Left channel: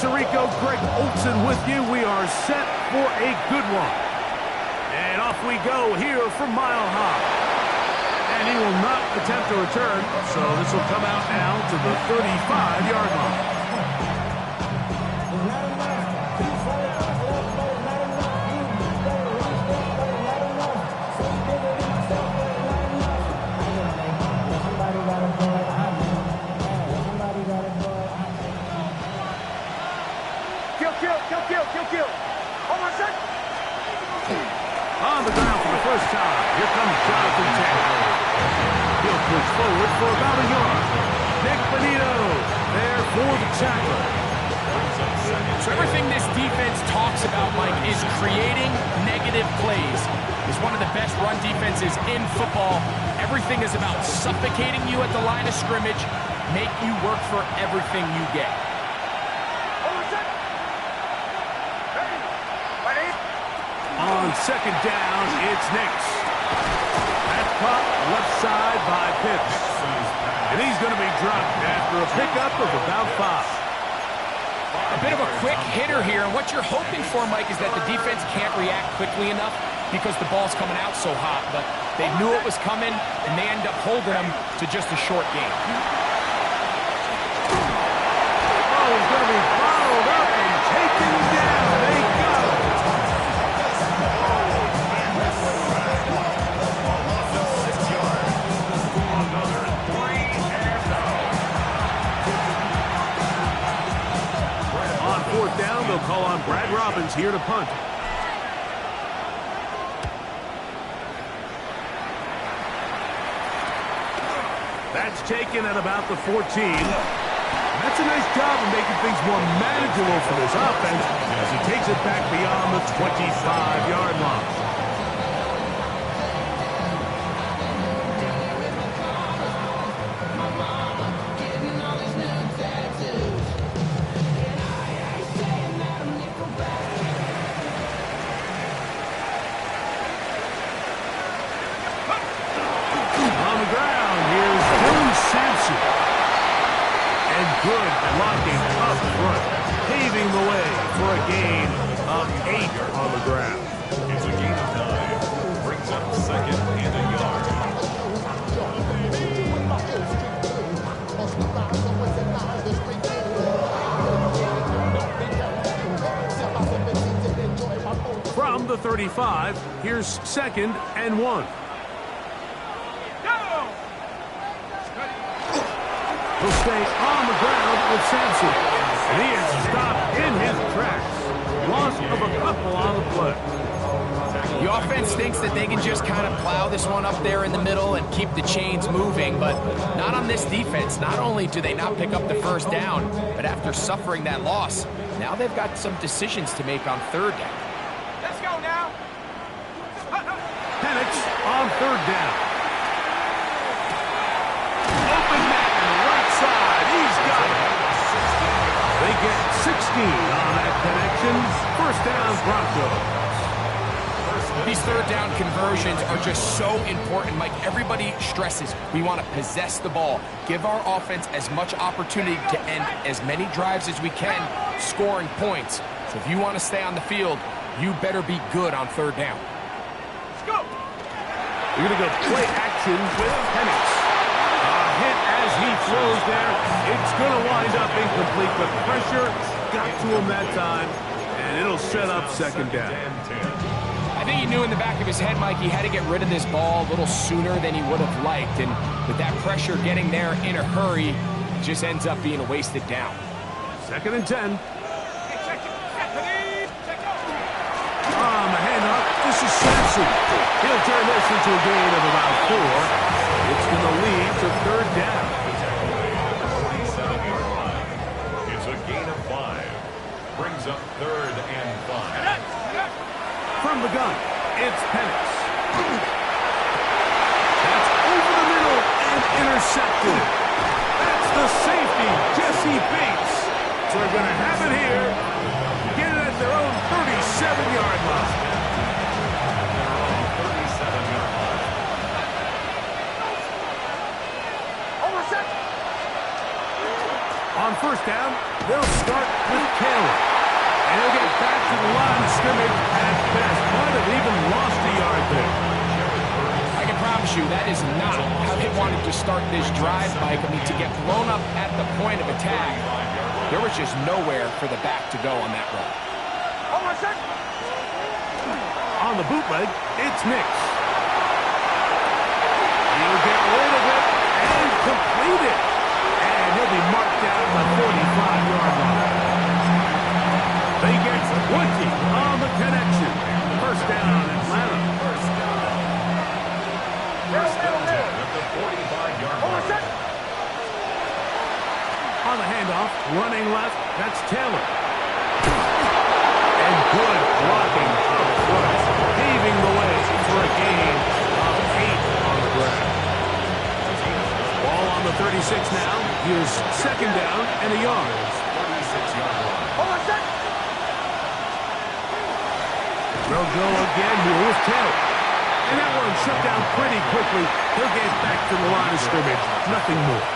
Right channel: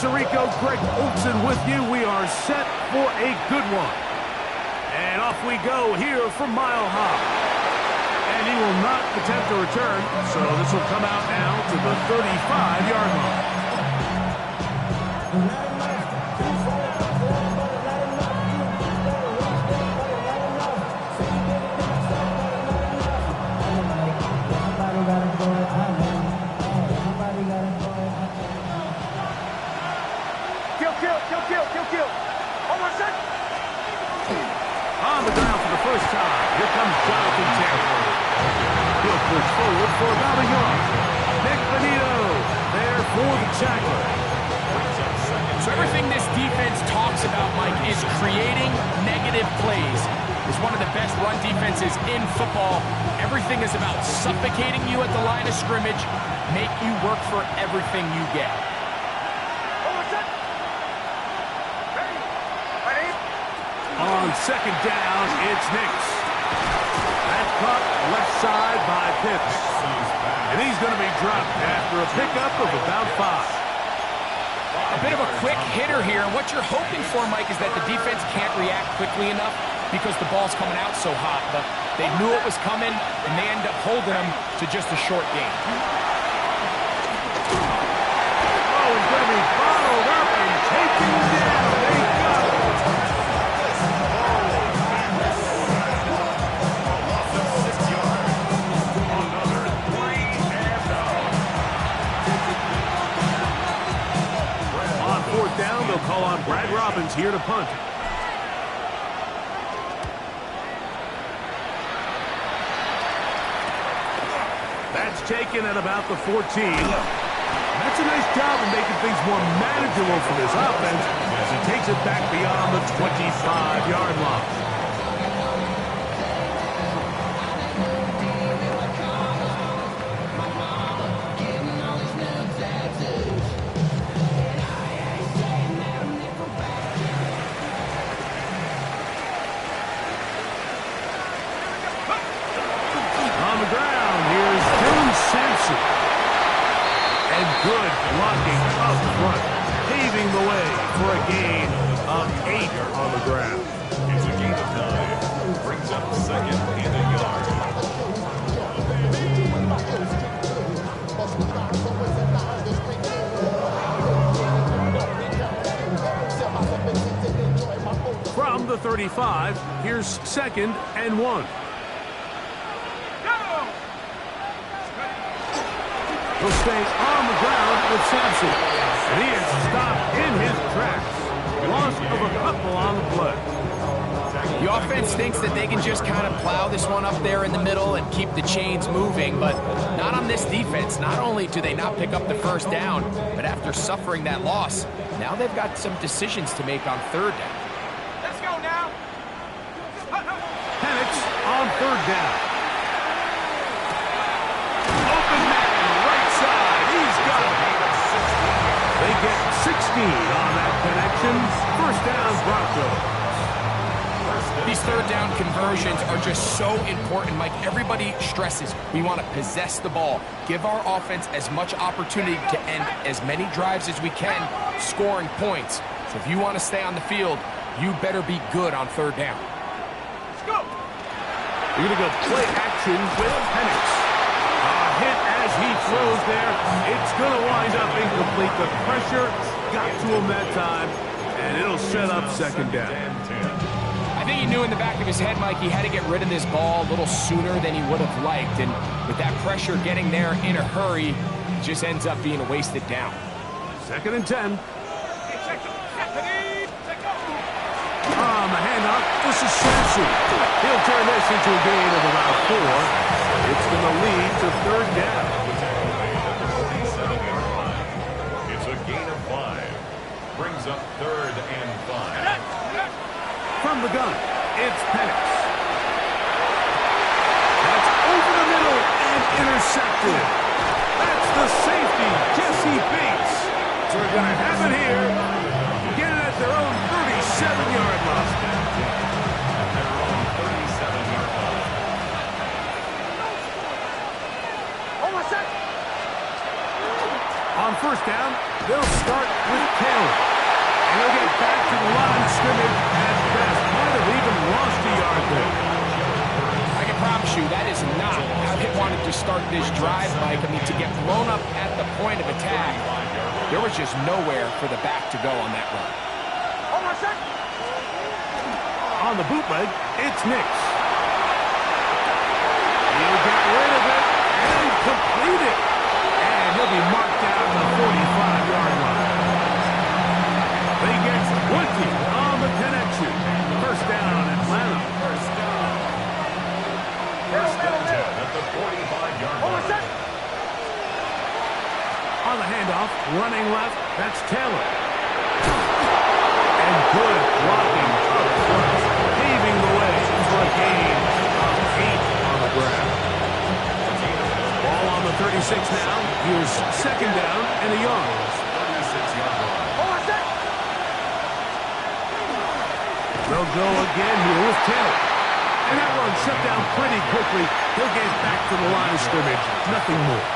Tirico, Greg Olson with you. We are set for a good one. And off we go here from Mile High. And he will not attempt a return, so this will come out now to the 35-yard line. Kill. Hold on a sec. On the ground for the first time. Here comes Jonathan Taylor. He'll push forward for about a yard. Nick Benito there for the tackler. So everything this defense talks about, Mike, is creating negative plays. It's one of the best run defenses in football. Everything is about suffocating you at the line of scrimmage, make you work for everything you get. On second down, it's Nix. That's caught left side by Pitts. And he's going to be dropped after a pickup of about 5. A bit of a quick hitter here, and what you're hoping for, Mike, is that the defense can't react quickly enough because the ball's coming out so hot. But they knew it was coming, and they end up holding them to just a short game. Oh, he's going to be bottled up and taken down. They got him. Fourth down, they'll call on Brad Robbins here to punt. That's taken at about the 14. That's a nice job of making things more manageable for this offense as he takes it back beyond the 25-yard line. And good blocking up front, paving the way for a gain of 8 on the ground. It's a gain of 9. Brings up second and a yard. From the 35, here's second and 1. He'll stay on the ground with Sampson. And he is stopped in his tracks. Loss of a couple on the play. The offense thinks that they can just kind of plow this one up there in the middle and keep the chains moving, but not on this defense. Not only do they not pick up the first down, but after suffering that loss, now they've got some decisions to make on third down. Let's go now. Penix on third down. Open man. Side. He's got it. They get 16 on that connection. First down, Broncos. These third down conversions are just so important, Mike. Everybody stresses we want to possess the ball, give our offense as much opportunity to end as many drives as we can, scoring points. So if you want to stay on the field, you better be good on third down. Let's go. You're going to go play action with Penix. Hit as he throws there. It's going to wind up incomplete. The pressure got to him that time, and it'll set up second down. I think he knew in the back of his head, Mike, he had to get rid of this ball a little sooner than he would have liked. And with that pressure getting there in a hurry, it just ends up being a wasted down. Second and 10. On the handoff, this is Sampson. He'll turn this into a gain of about 4. It's going to lead to third down. It's a gain of 5. Brings up third and 5. From the gun, it's Penix. That's over the middle and intercepted. That's the safety, Jesse Bates. So they're going to have it here. Get it at their own 37-yard line. At their own 37-yard line. Hold on a sec. On first down, they'll start with Taylor. And he'll get back to the line of scrimmage at best. Might have even lost a yard there. I can promise you that is not how they wanted to start this drive, Mike. I mean, to get blown up at the point of attack, there was just nowhere for the back to go on that run. On the bootleg, it's Nix. He'll get rid of it and complete it. And he'll be marked down the 45-yard line. They get 20 on the connection. First down, Atlanta. First and 10 at the 45-yard line. On the handoff, running left, that's Taylor. And good blocking up front, paving the way for a gain of 8 on the ground. Ball on the 36 now. Here's second down and a yard. 36-yard line. They'll go again here with Taylor. And that one shut down pretty quickly. He'll get back to the line of scrimmage. Nothing more.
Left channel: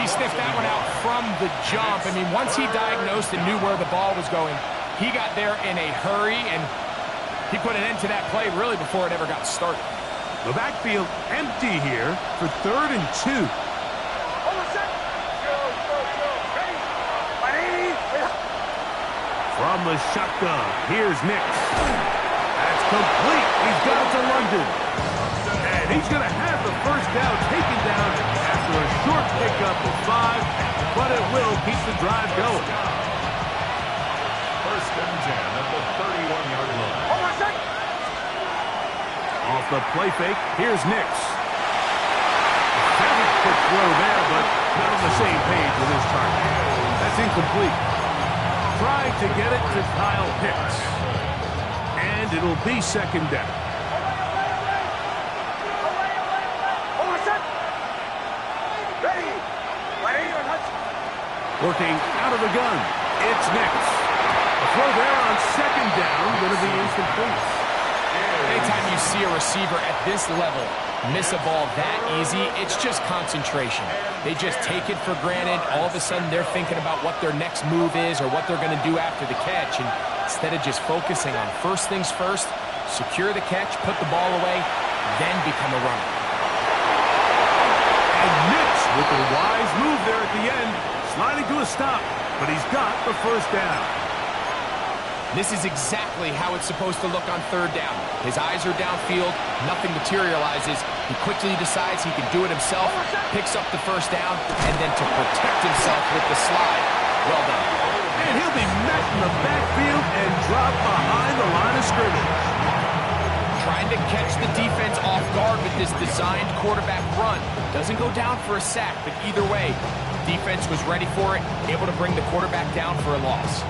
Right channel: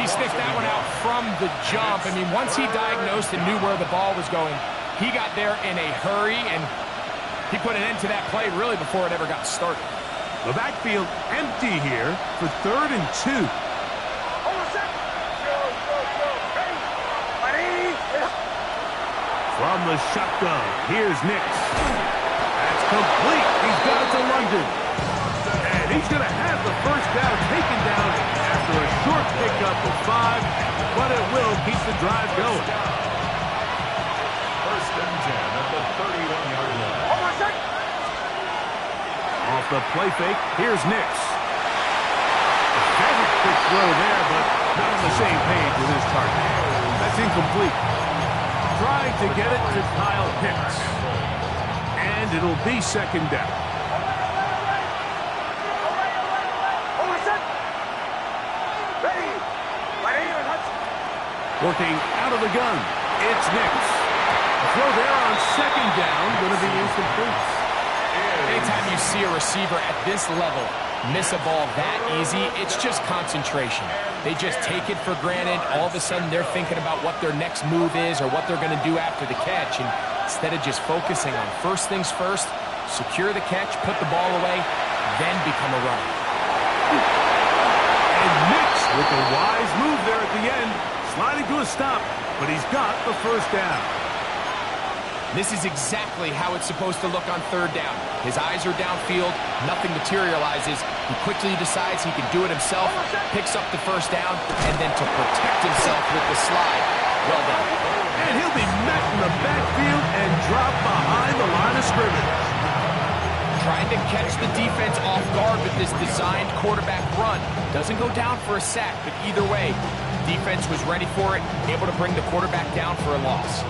He sniffed that one out from the jump. I mean, once he diagnosed and knew where the ball was going, he got there in a hurry, and he put an end to that play really before it ever got started. The backfield empty here for 3rd and 2. From the shotgun, here's Nix. That's complete. He's got it to London. And he's going to have the first down taken down after a short pickup of 5, but it will keep the drive going. First and 10 at the 31-yard line. Off the play fake, here's Nix. A very quick throw there, but not on the same page with his target. That's incomplete. Trying to get it to Kyle Pitts. And it'll be second down. Working out of the gun, it's Nix. A throw there on second down, going to be incomplete. Anytime you see a receiver at this level miss a ball that easy, it's just concentration. They just take it for granted. All of a sudden, they're thinking about what their next move is or what they're going to do after the catch. And instead of just focusing on first things first, secure the catch, put the ball away, then become a runner. And Nix with a wise move there at the end, sliding to a stop, but he's got the first down. This is exactly how it's supposed to look on third down. His eyes are downfield, nothing materializes. He quickly decides he can do it himself, picks up the first down, and then to protect himself with the slide. Well done. And he'll be met in the backfield and dropped behind the line of scrimmage. Trying to catch the defense off guard with this designed quarterback run. Doesn't go down for a sack, but either way, defense was ready for it, able to bring the quarterback down for a loss.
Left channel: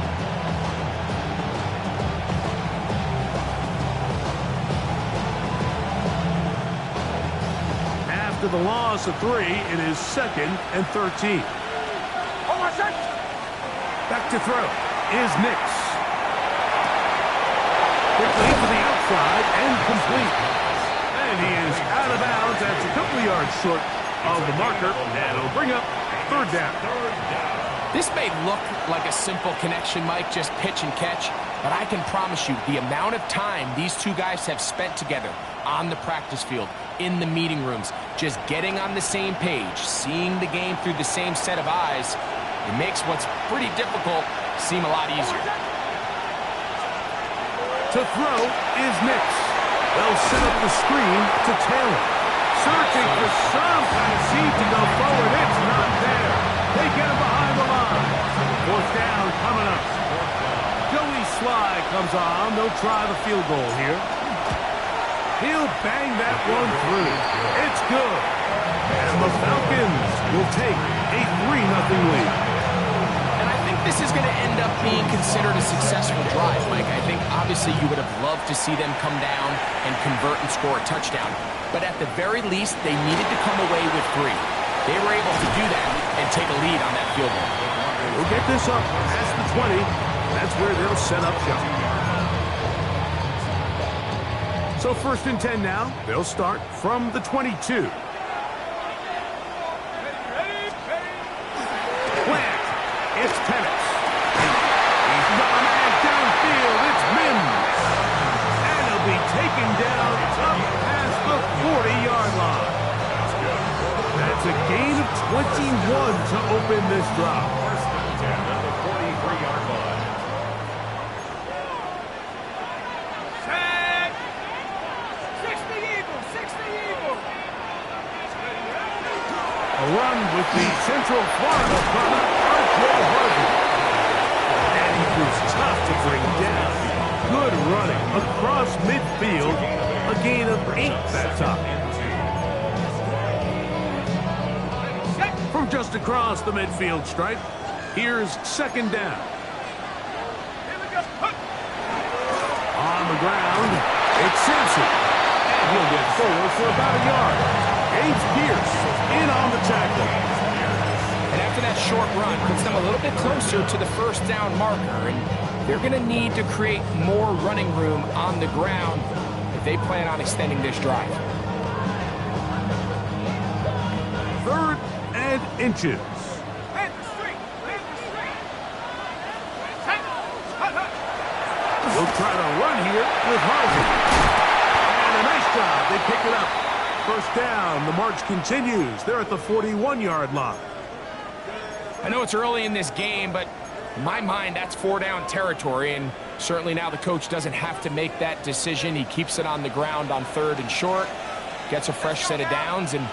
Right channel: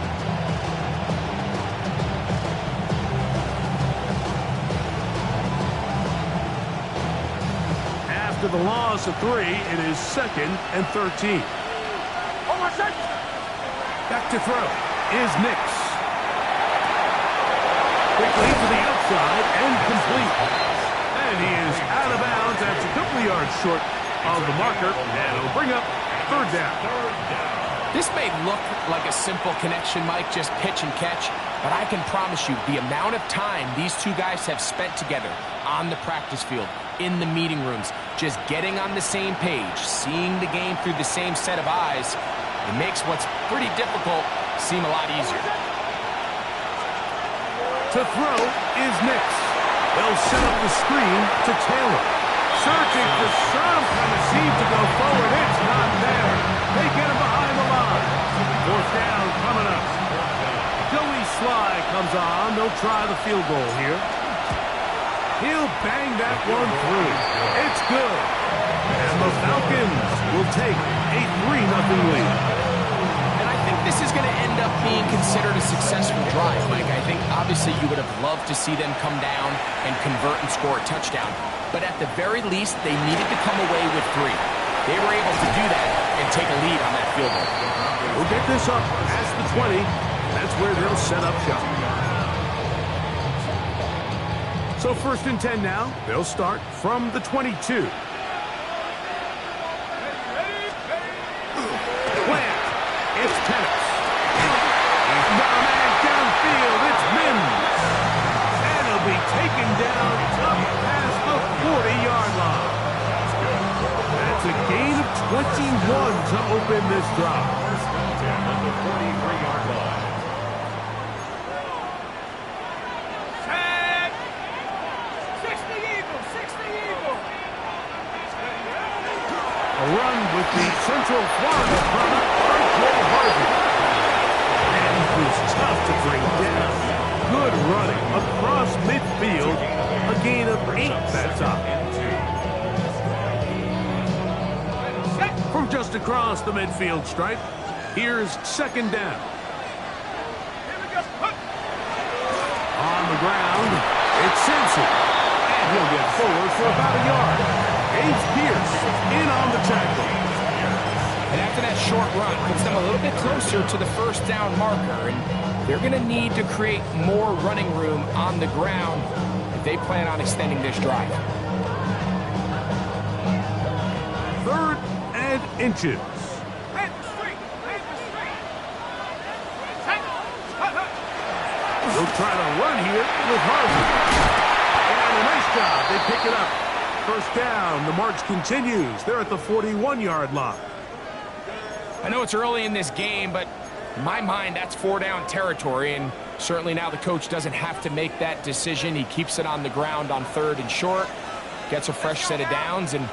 After the loss of 3, it is 2nd and 13. Back to throw is Nix. Quickly to the outside and complete. And he is out of bounds. That's a couple yards short of the marker. And it'll bring up third down. This may look like a simple connection, Mike, just pitch and catch. But I can promise you the amount of time these two guys have spent together on the practice field, in the meeting rooms, just getting on the same page, seeing the game through the same set of eyes, it makes what's pretty difficult seem a lot easier. To throw is Nix. They'll set up the screen to Taylor. Searching for some kind of seed to go forward. It's not there. They get him behind the line. Fourth down coming up. Joey Sly comes on. They'll try the field goal here. He'll bang that one through. It's good. And the Falcons will take a 3-0 lead. And I think this is going to end up being considered a successful drive, Mike. I think obviously you would have loved to see them come down and convert and score a touchdown. But at the very least, they needed to come away with 3. They were able to do that and take a lead on that field goal. We'll get this up past the 20. That's where they'll set up shop. So 1st and 10 now. They'll start from the 22. It's Penix. He's got a man downfield. It's Mims. And he'll be taken down up past the 40-yard line. That's a gain of 21 to open this drive. First and 10 at the 43-yard line. Tag. 60 Eagles. 60 Eagles. A run with the Central Florida product, R.J. Harvey. And he proves tough to bring down. Good running across midfield. A gain of 8 that time. From just across the midfield stripe, here's second down. Here we go. On the ground, it's Simpson. And he'll get forward for about a yard. James Pierce in on the tackle. And after that short run, puts them a little bit closer to the first down marker. And they're going to need to create more running room on the ground if they plan on extending this drive. Third and inches. Head the street. Head the street. He'll try to run here with Harvey. And a nice job. They pick it up. First down. The march continues. They're at the 41-yard line. I know it's early in this game, but in my mind, that's 4-down territory, and certainly now the coach doesn't have to make that decision. He keeps it on the ground on 3rd and short, gets a fresh set of downs, and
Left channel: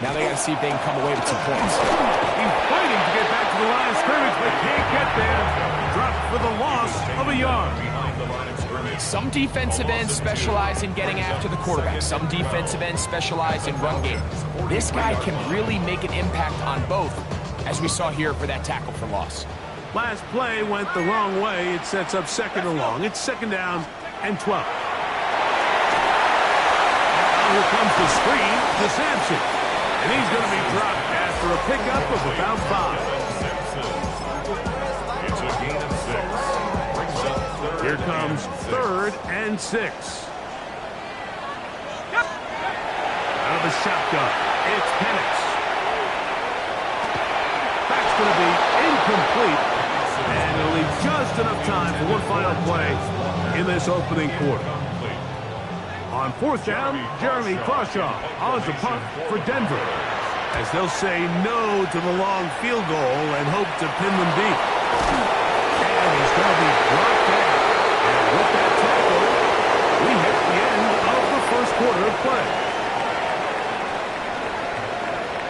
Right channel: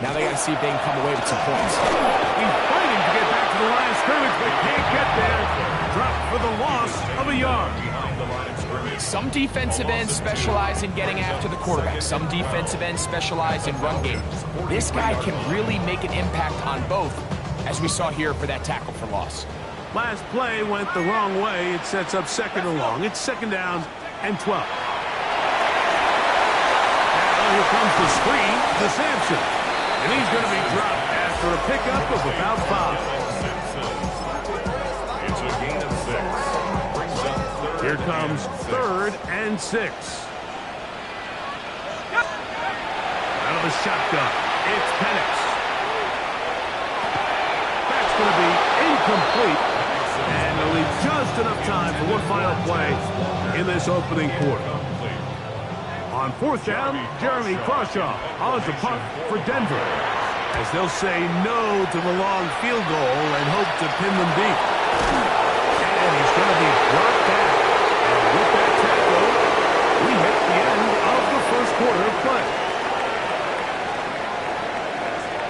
now they got to see if they can come away with some points. He's fighting to get back to the line of scrimmage, but can't get there. Dropped for the loss of a yard. Behind the line of scrimmage. Some defensive ends specialize in getting after the quarterback. Some defensive ends specialize in run game. This guy can really make an impact on both, as we saw here for that tackle for loss. Last play went the wrong way. It sets up second and long. It's second down and 12. Now here comes the screen to Sampson. And he's going to be dropped after a pickup of about 5. It's a gain of 6. Brings up third. Here comes 3rd and 6. Out of the shotgun, it's Penix. That's going to be incomplete. And they'll leave just enough time for one final play in this opening quarter. On 4th down, Jeremy Crawshaw on the punt for Denver, as they'll say no to the long field goal and hope to pin them deep. And he's going to be brought down. And with that tackle, we hit the end of the first quarter of play.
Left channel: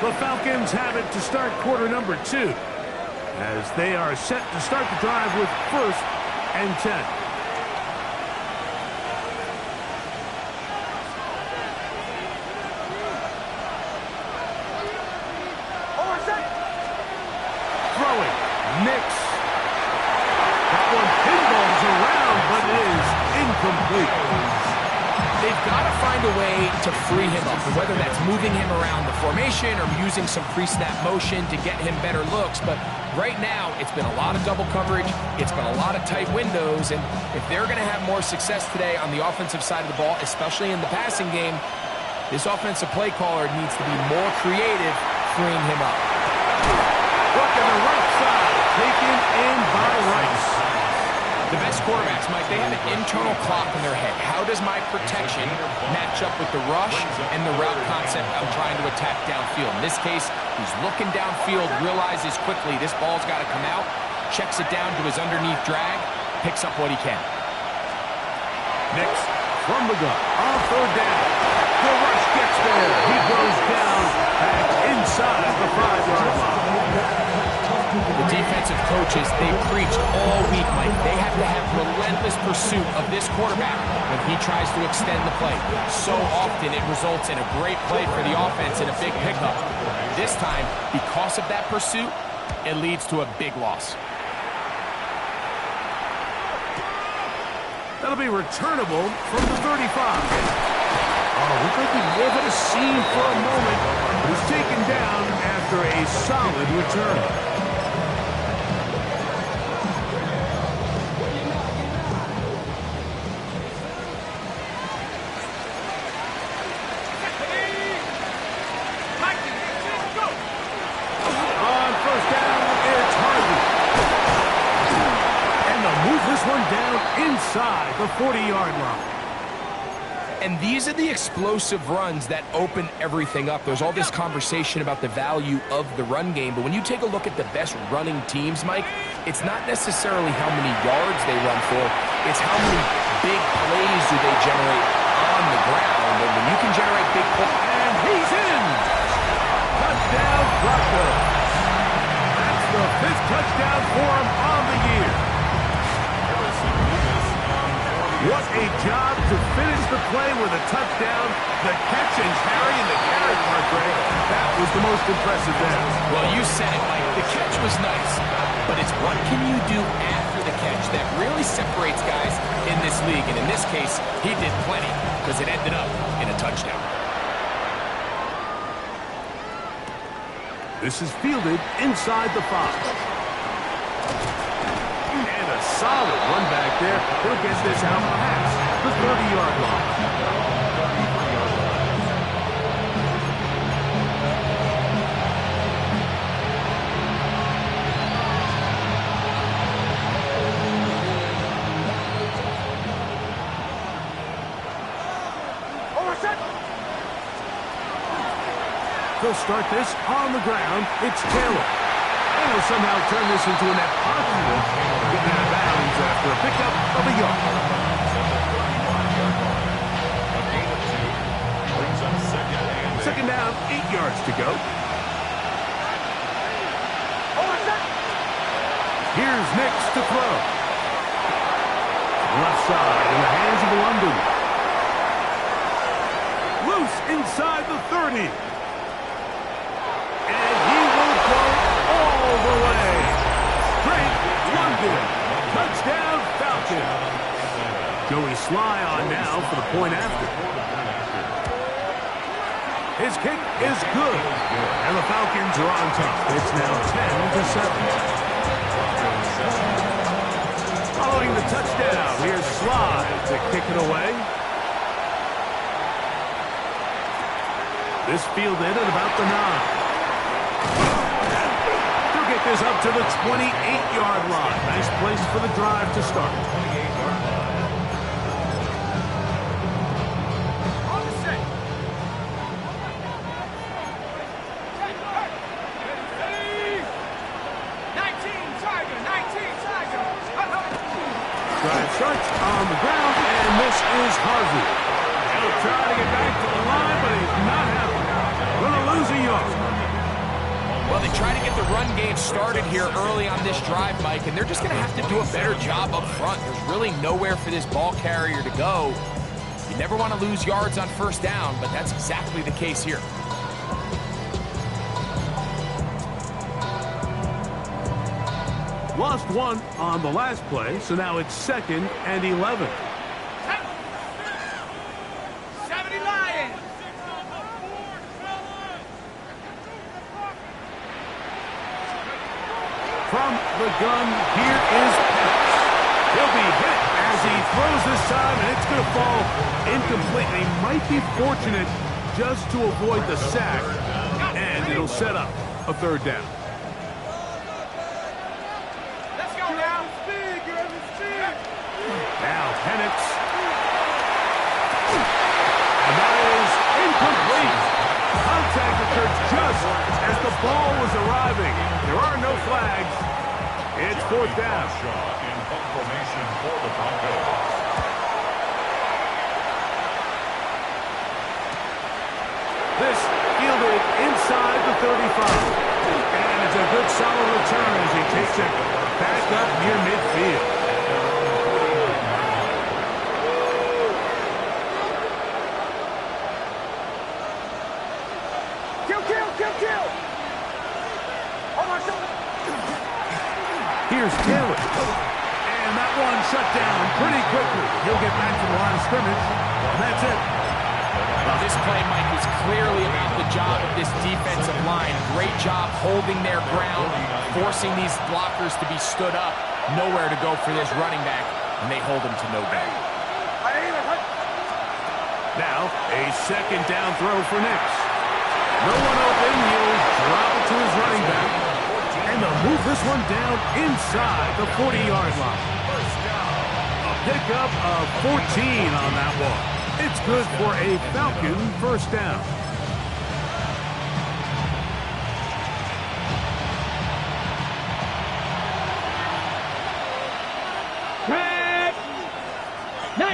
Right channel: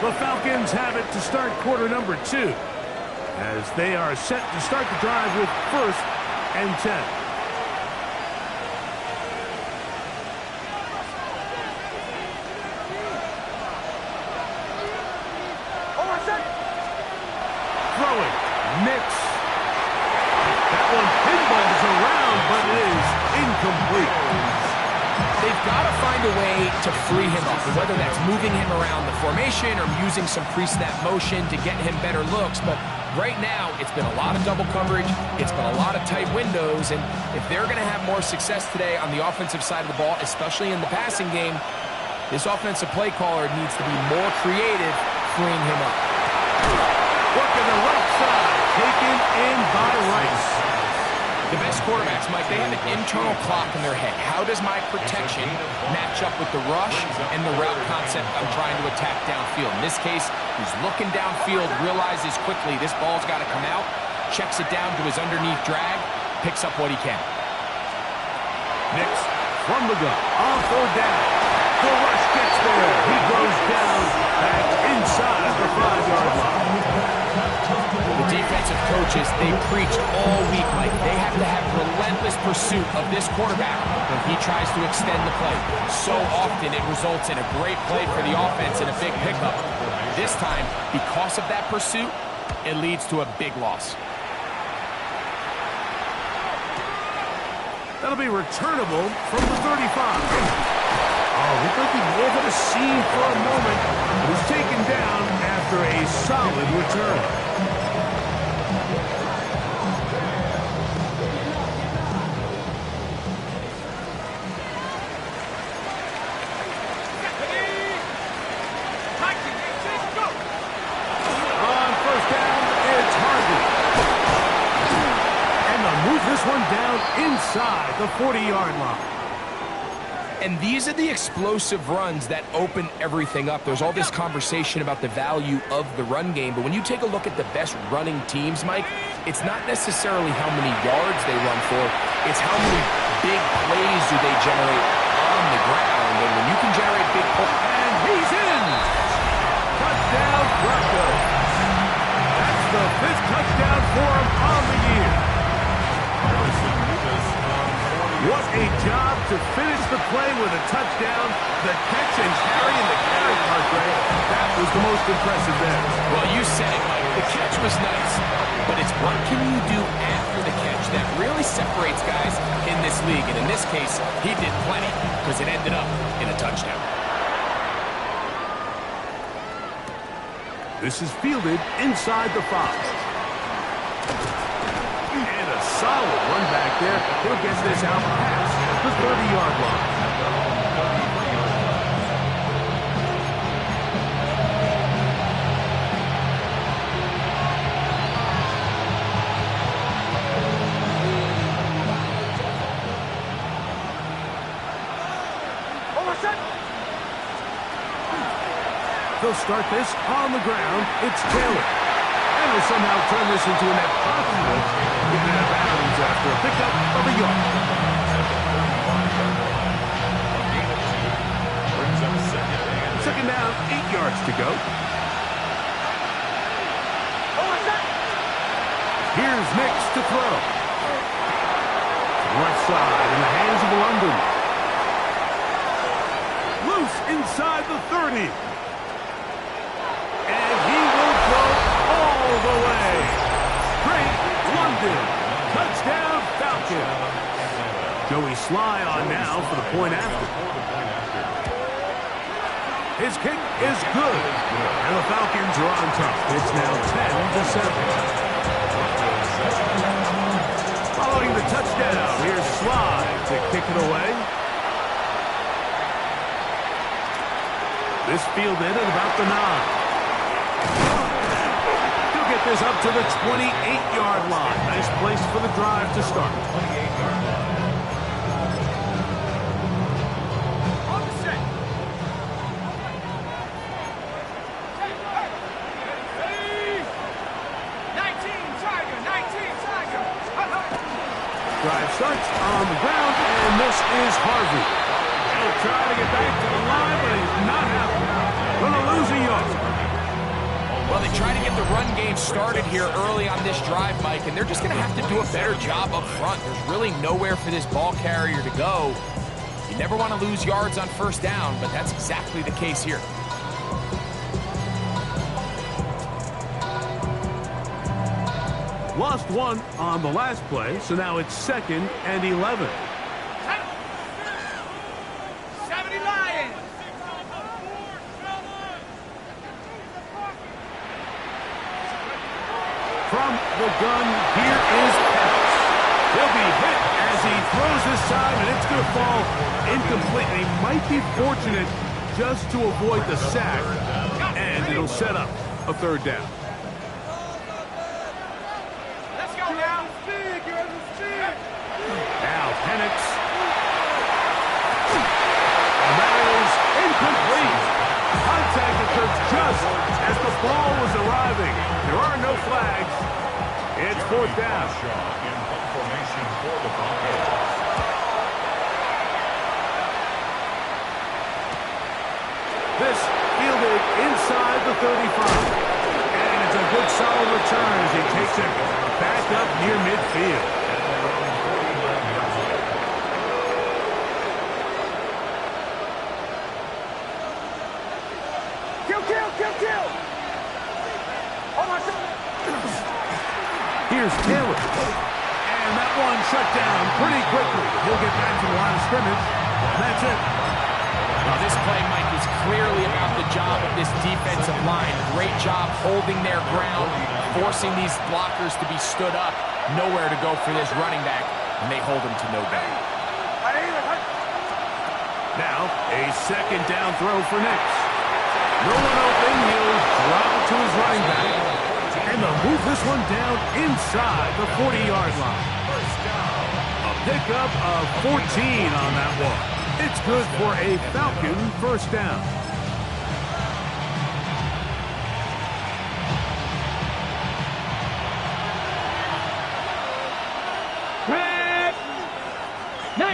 The Falcons have it to start quarter number 2, as they are set to start the drive with 1st and 10. Throwing, Nix. That one pinballs around, but it is incomplete. They've got to find a way to free him up, whether that's moving him around the formation or using some pre-snap motion to get him better looks. But right now, it's been a lot of double coverage. It's been a lot of tight windows. And if they're going to have more success today on the offensive side of the ball, especially in the passing game, this offensive play caller needs to be more creative freeing him up. Look at the right side, taken in by Rice. The best quarterbacks, Mike, they have an internal clock in their head. How does my protection match up with the rush and the route concept I'm trying to attack downfield? In this case, he's looking downfield, realizes quickly this ball's got to come out, checks it down to his underneath drag, picks up what he can. Nix from the gun on 3rd down. The rush gets there. He goes down back inside the 5-yard line. The defensive coaches, they preached all week, Mike. They have to have relentless pursuit of this quarterback when he tries to extend the play. So often it results in a great play for the offense and a big pickup. This time, because of that pursuit, it leads to a big loss. That'll be returnable from the 35. Oh, looked like he may have had a seam for a moment. It was taken down after a solid return. On 1st down, it's Harvey. they'll move this one down inside the 40-yard line. And these are the explosive runs that open everything up. There's all this conversation about the value of the run game, but when you take a look at the best running teams, Mike, it's not necessarily how many yards they run for, it's how many big plays do they generate on the ground. And when you can generate big plays... And he's in! Touchdown, Broncos. That's the 5th touchdown for him on the year. Harrison Davis on 40. What a job to finish the play with a touchdown. The catch and carry and the carry part, Greg, that was the most impressive there. Well, you said it, Mike. The catch was nice, but it's what can you do after the catch that really separates guys in this league. And in this case, he did plenty because it ended up in a touchdown. This is fielded inside the 5. And a solid run back there. He'll get this out past the 30-yard line. They'll start this on the ground. It's Taylor. And he'll somehow turn this into a net positive, getting out of bounds after a pickup of a yard. A gain of 2 brings up Second down, 8 yards to go. Here's Nix to throw. To the left side in the hands of London. Loose inside the 30. And he will go all the way. Drake London. Touchdown, Falcons. Joey Sly on now for the point after. His kick is good. And the Falcons are on top. It's now 10-7. Following the touchdown, here's Sly to kick it away. This fielded at about the 9. He'll get this up to the 28-yard line. Nice place for the drive to start. 28-yard line. On the set. Ready? 19 Tiger, 19 Tiger. Drive starts on the ground, and this is Harvey. He'll try to get back to the line, but he's not happy. Gonna lose a yard. Well, they try to get the run game started here early on this drive, Mike, and they're just going to have to do a better job up front. There's really nowhere for this ball carrier to go. You never want to lose yards on first down, but that's exactly the case here. Lost one on the last play, so now it's 2nd and 11. 70 Lions. From the gun, here is Penix. He'll be hit as he throws this time, and it's going to fall incomplete. And he might be fortunate just to avoid the sack, and it'll set up a 3rd down. Let's go now. Now Penix. And that is incomplete. Contact occurred just as the ball was arriving. There are no flags. It's 4th down. Shaw in punt formation for the Broncos. This fielded inside the 35. And it's a good solid return as he takes it back up near midfield. At their own 49-yard line. Kill. Hold on, shoulder. Here's Taylor. And that one shut down pretty quickly. He'll get back to the line of scrimmage. And that's it. Well, this play, Mike, is clearly about the job of this defensive line. Great job holding their ground, forcing these blockers to be stood up. Nowhere to go for this running back, and they hold him to no gain. Now, a 2nd down throw for Nix. No one open. He'll drop it to his running back. And they'll move this one down inside the 40-yard line. pickup of 14 on that one. It's good for a Falcon first down.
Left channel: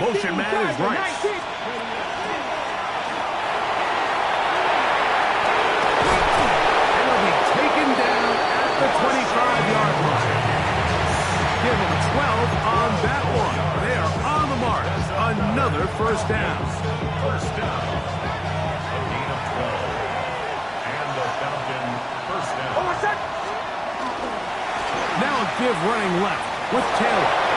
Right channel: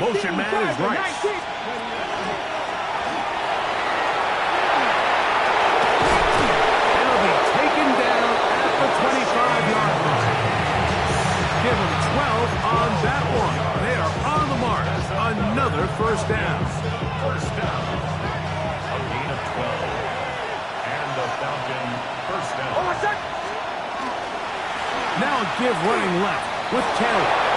Motion man is right. It'll be taken down at the 25-yard line. Give them 12 on that one. They are on the mark. Another first down. First down. A gain of 12. And the Falcon first down. Now a give running left with Taylor.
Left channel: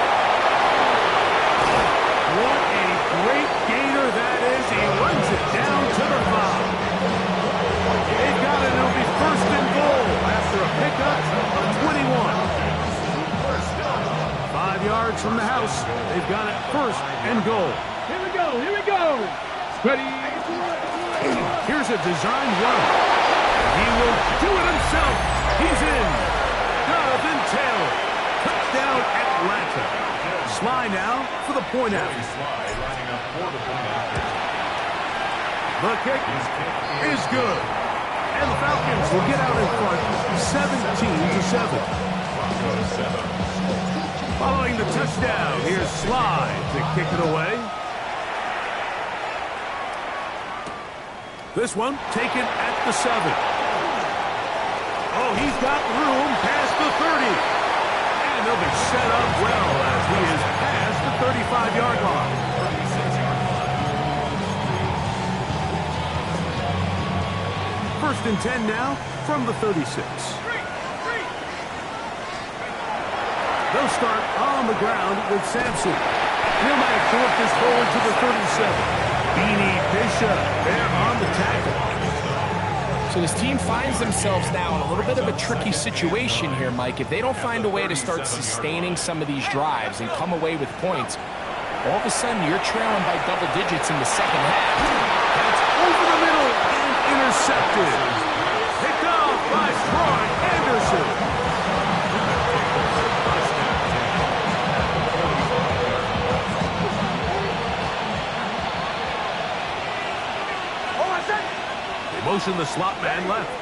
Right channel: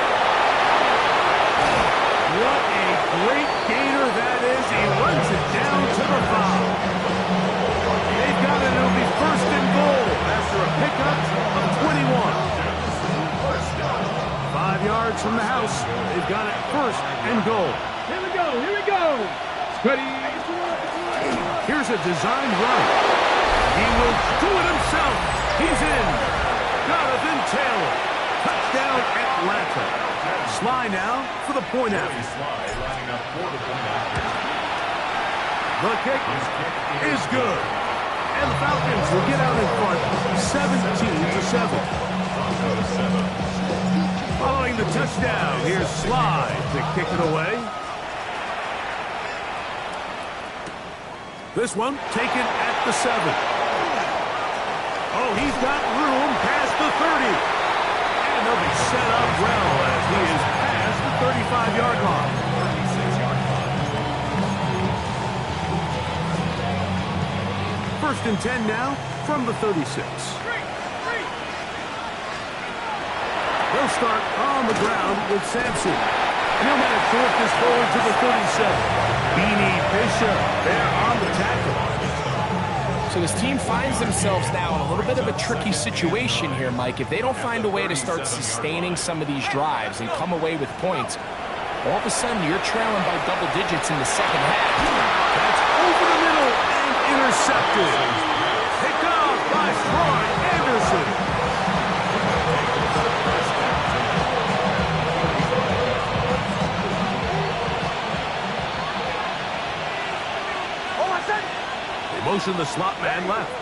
What a great gainer that is. He runs it down to the 5. They've got it. It'll be first and goal after a pickup of 21. 5 yards from the house. They've got it first and goal. Here we go. Here we go. Ready. Here's a designed run. He will do it himself. He's in. Jonathan Taylor. Touchdown Atlanta. Sly now for the point after. Sly lining up for the point after. The kick is good. And the Falcons will get out in front 17-7. Broncos 7. Following the touchdown, here's Sly to kick it away. This one taken at the 7. Oh, he's got room past the 30. And they'll be set up well as he is past the 35-yard line. 36-yard line. First and 10 now from the 36. They'll start on the ground with Sampson. And he'll manage to work this forward to the 37. Beanie Bishop there on the tackle. So this team finds themselves now in a little bit of a tricky situation here, Mike. If they don't find a way to start sustaining some of these drives and come away with points, all of a sudden you're trailing by double digits in the second half. That's over the middle and intercepted. Picked off by Troy Anderson. Motion the slot man left.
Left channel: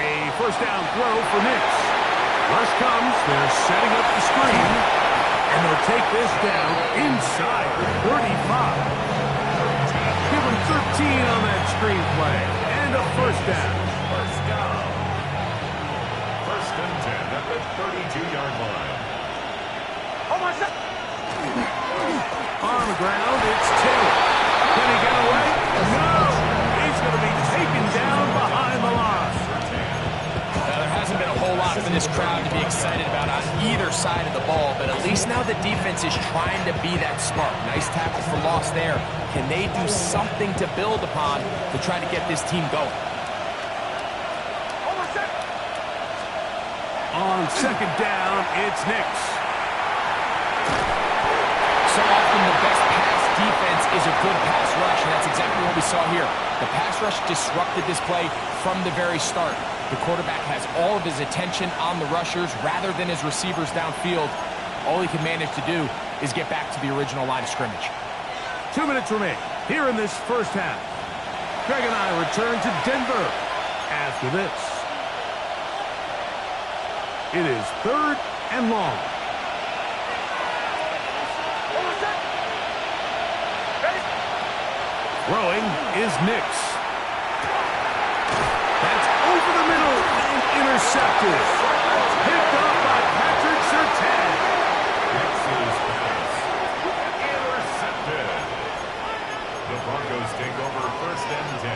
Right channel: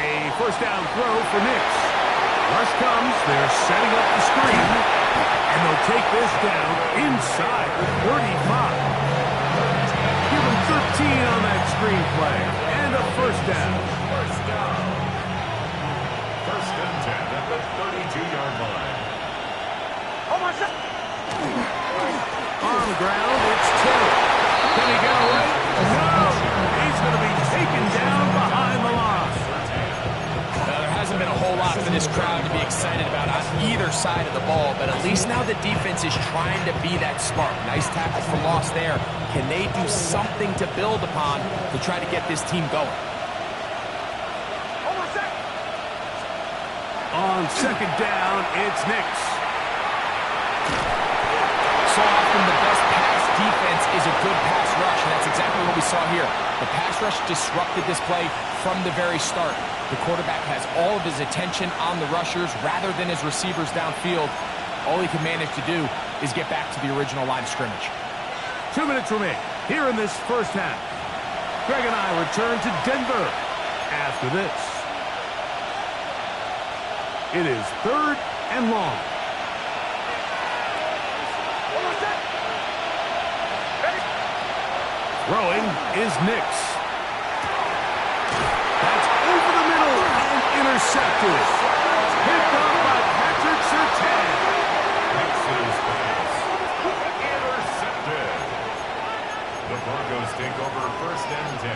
A first down throw for Nix. Rush comes. They're setting up the screen. And they'll take this down inside the 35. Give them 13 on that screen play. And a first down. First down. First and 10 at the 32-yard line. On the ground, it's Taylor. Can he get away? No! He's going to be taken down behind the line. There hasn't been a whole lot for this crowd to be excited about on either side of the ball, but at least now the defense is trying to be that spark. Nice tackle for loss there. Can they do something to build upon to try to get this team going? On second down, it's Nix. So often the best pass defense is a good pass rush, and that's exactly what we saw here. The pass rush disrupted this play from the very start. The quarterback has all of his attention on the rushers rather than his receivers downfield. All he can manage to do is get back to the original line of scrimmage. 2 minutes remain here in this first half. Greg and I return to Denver after this. It is third and long. Throwing is Nix. That's over the middle and intercepted. Picked up by Patrick Surtain. Nix's pass. Intercepted. The Broncos take over first and 10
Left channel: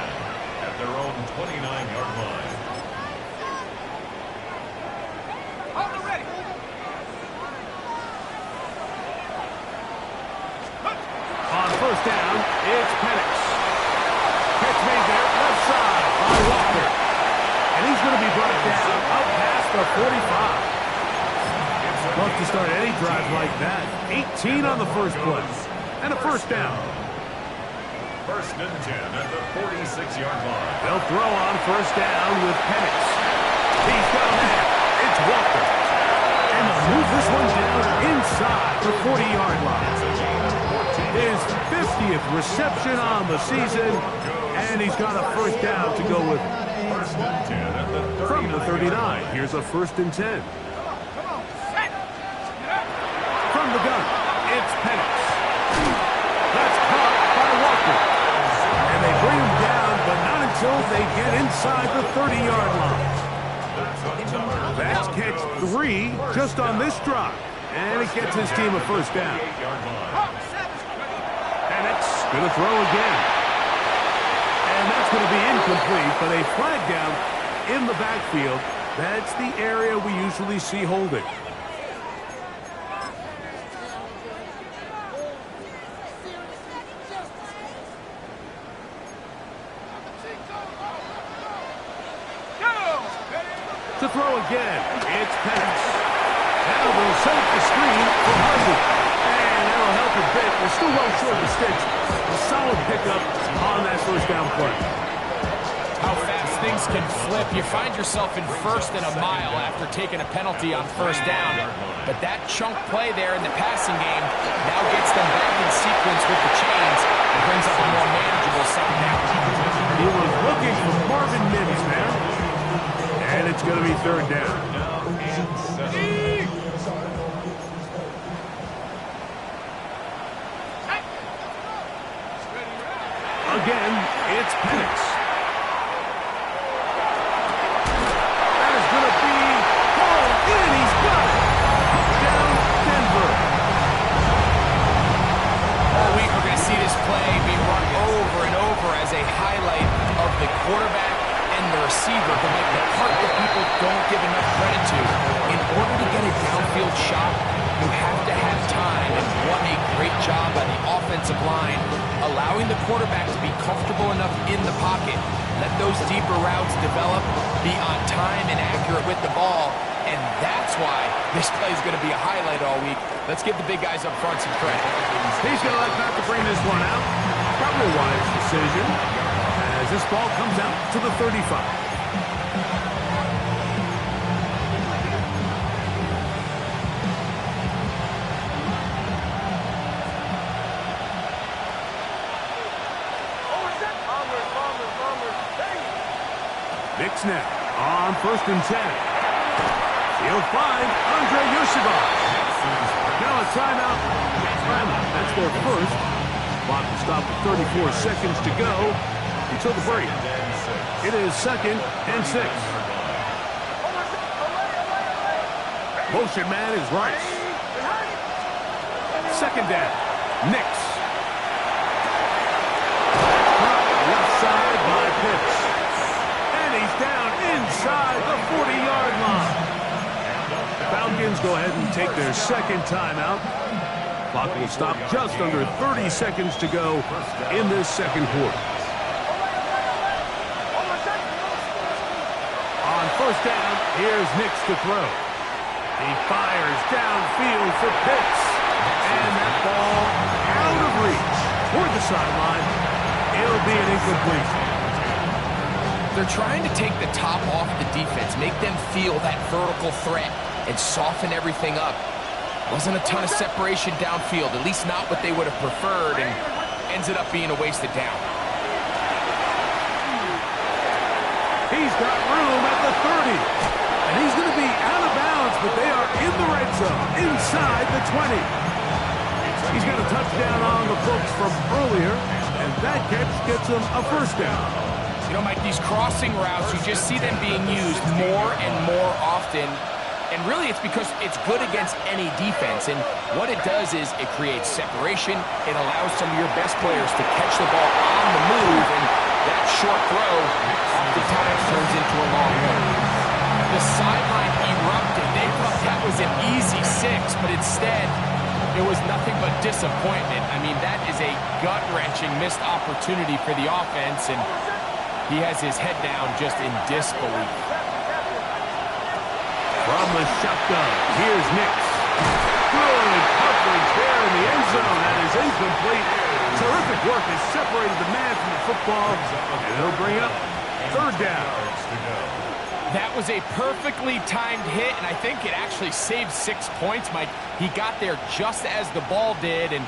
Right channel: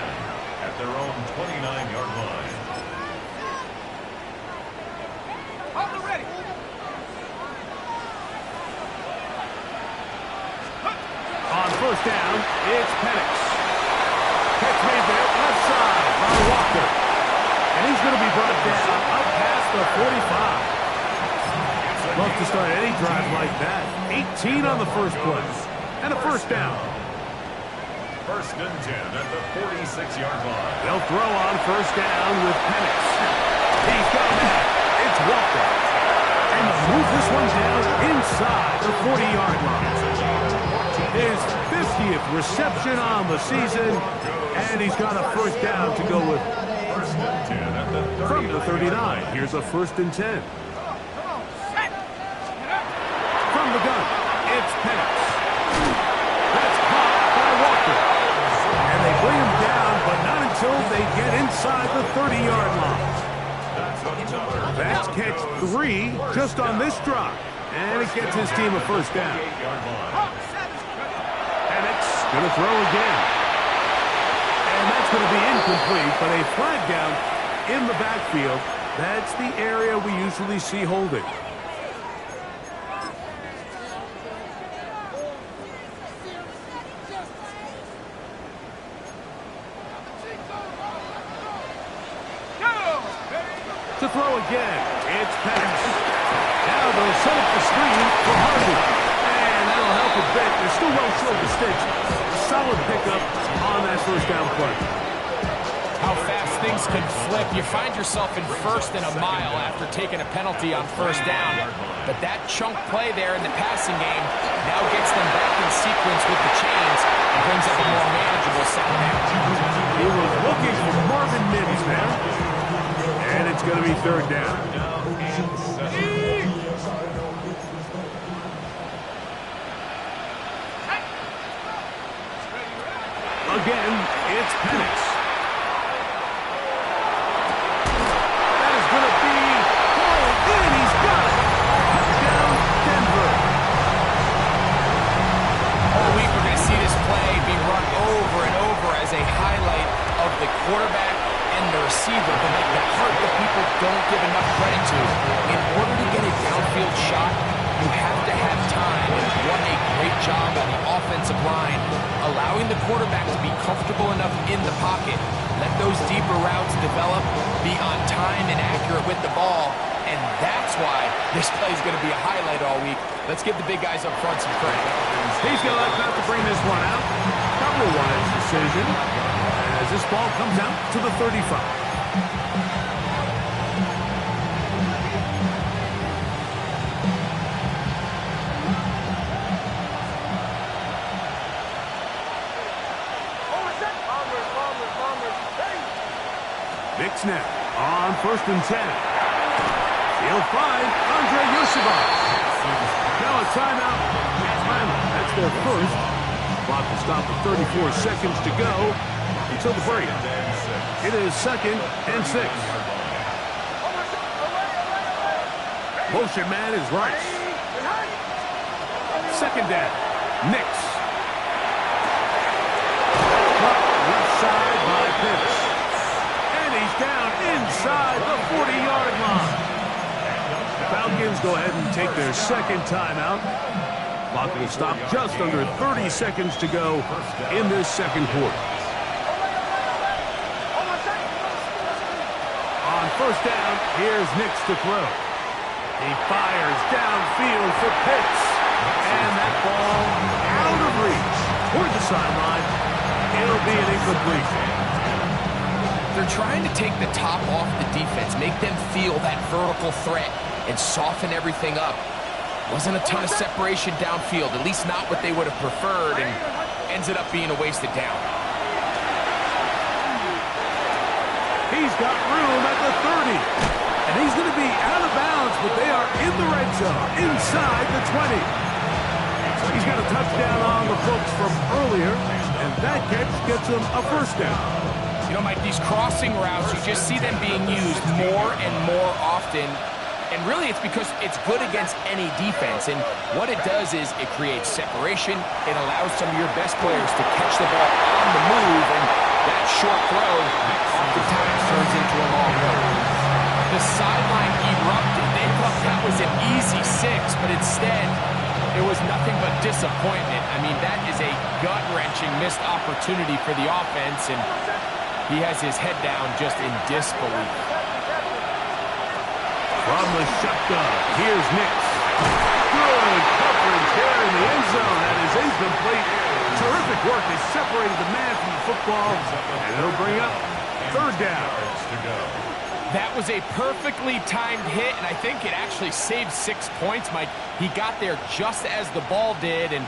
at their own 29-yard line. On the ready. On first down, it's Penix. Catch made there, left side by Walker. And he's going to be brought down up past the 45. Love to start any drive like that. 18 on the first play. And a first down. First and 10 at the 46-yard line. They'll throw on first down with Penix. He's got a man. It's Walker. And they'll move this one down inside the 40-yard line. His 50th reception on the season, and he's got a first down to go with. First and 10 at the 39. From the 39, here's a 1st and 10. From the gun, it's Penix. That's caught by Walker. And they bring him down, but not until they get inside the 30-yard line. That's catch 3 just on this drive. And it gets his team a first down. Penix going to throw again. And that's going to be incomplete, but a flag down in the backfield. That's the area we usually see holding. To throw again, it's Penix. Now they'll set up the screen for Harvey. And that'll help a bit. They're still well short of the sticks. A solid pickup on that first down play. How fast things can flip. You find yourself in 1st and a mile after taking a penalty on first down. But that chunk play there in the passing game now gets them back in sequence with the chains and brings up a more manageable second down. He was looking for Marvin Mims there. And it's going to be 3rd down. Again, it's Penix. That is going to be hauled in. He's got it. Touchdown, Denver. All week we're going to see this play be run over and over as a highlight of the quarterback and the receiver, but like the part that people don't give enough credit to, in order to get a downfield shot, you have to have time, and what a great job by the offensive line, allowing the quarterback to be comfortable enough in the pocket, let those deeper routes develop, be on time and accurate with the ball, and that's why this play is going to be a highlight all week. Let's give the big guys up front some credit. He's going to like not to bring this one out. Probably a wise decision, as this ball comes out to the 35. Nick snap on 1st and 10. He'll find Andre Yosibas. Now a timeout. That's their first. Clock will stop with 34 seconds to go until the break. It is 2nd and 6. Motion man is Rice. 2nd down. Nix. Caught left side by Pitts. And he's down inside the 40-yard line. Falcons go ahead and take their 2nd timeout. Clock will stop just under 30 seconds to go in this 2nd quarter. On 1st down, here's Nix to throw. He fires downfield for Pitts. And that ball out of reach toward the sideline. It'll be an incomplete. They're trying to take the top off the defense, make them feel that vertical threat, and soften everything up. Wasn't a ton of separation downfield, at least not what they would have preferred, and ends up being a wasted down. He's got room at the 30. And he's going to be out of bounds, but they are in the red zone, inside the 20. He's got a touchdown on the books from earlier, and that catch gets him a first down. You know, Mike, these crossing routes, you just see them being used more and more often. And really, it's because it's good against any defense. And what it does is it creates separation. It allows some of your best players to catch the ball on the move. And that short throw oftentimes turns into a long one. The sideline erupted. They thought that was an easy 6, but instead, it was nothing but disappointment. I mean, that is a gut-wrenching missed opportunity for the offense, and he has his head down just in disbelief. From the shotgun, here's Nix. Good coverage there in the end zone. That is incomplete. Terrific work. They separated the man from the football, and it'll bring up 3rd down. That was a perfectly timed hit, and I think it actually saved 6 points, Mike. He got there just as the ball did, and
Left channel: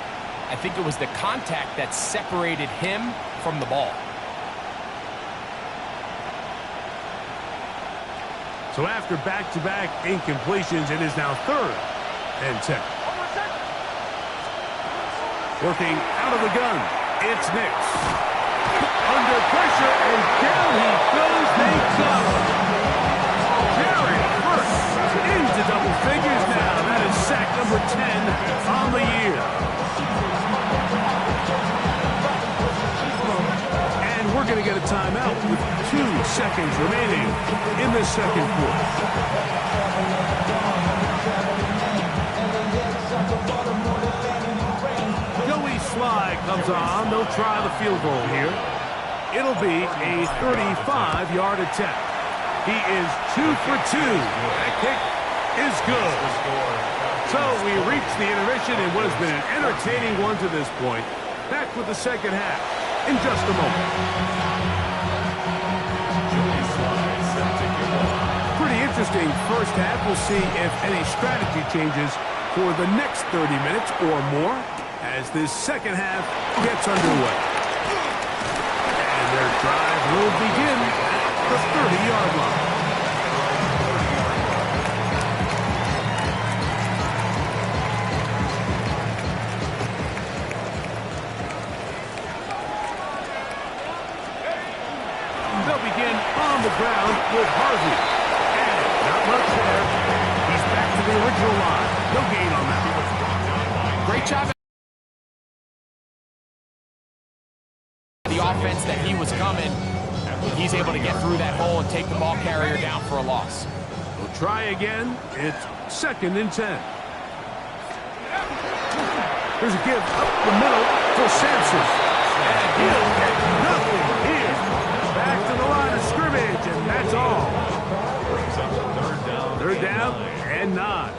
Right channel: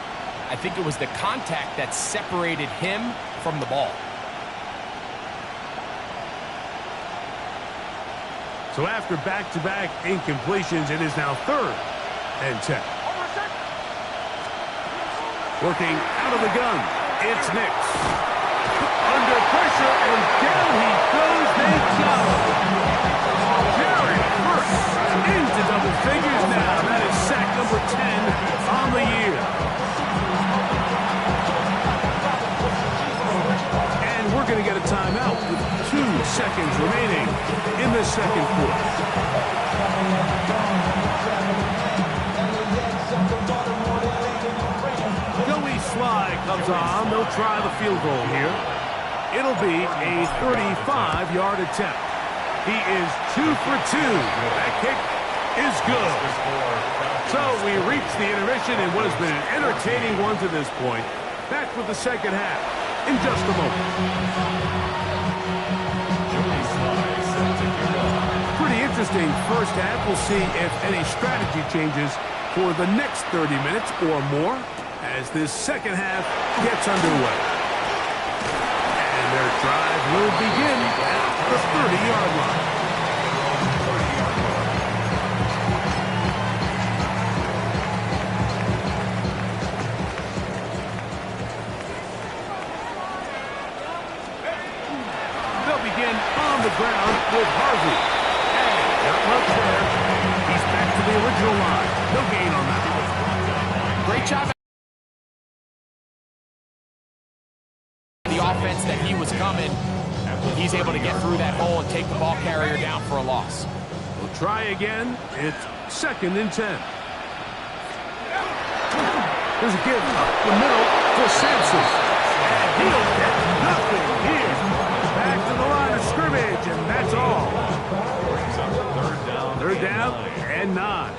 I think it was the contact that separated him from the ball. So after back-to-back incompletions, it is now 3rd and 10. Working out of the gun, it's Nix. Under pressure, and down he goes. They got him. Jerry first into double figures now. That is sack number 10 on the year. And we're going to get a timeout with 2 seconds remaining in the second quarter. Joey Sly comes on. They'll try the field goal here. It'll be a 35-yard attempt. He is 2 for 2. That kick is good. So we reach the intermission in what has been an entertaining one to this point. Back with the second half in just a moment. Joey Sly set to kick off. Pretty interesting first half. We'll see if any strategy changes for the next 30 minutes or more as this second half gets underway. And their drive will begin at the 30-yard line. They'll begin on the ground with Harvey. And not much there. He's back to the original line. No gain on that. Great job. The offense that he was coming, he's able to get through that hole and take the ball carrier down for a loss. We'll try again. It's 2nd and 10. There's a give up the middle for Sampson. And he'll get nothing here. Back to the line of scrimmage, and that's all. Third down and 9.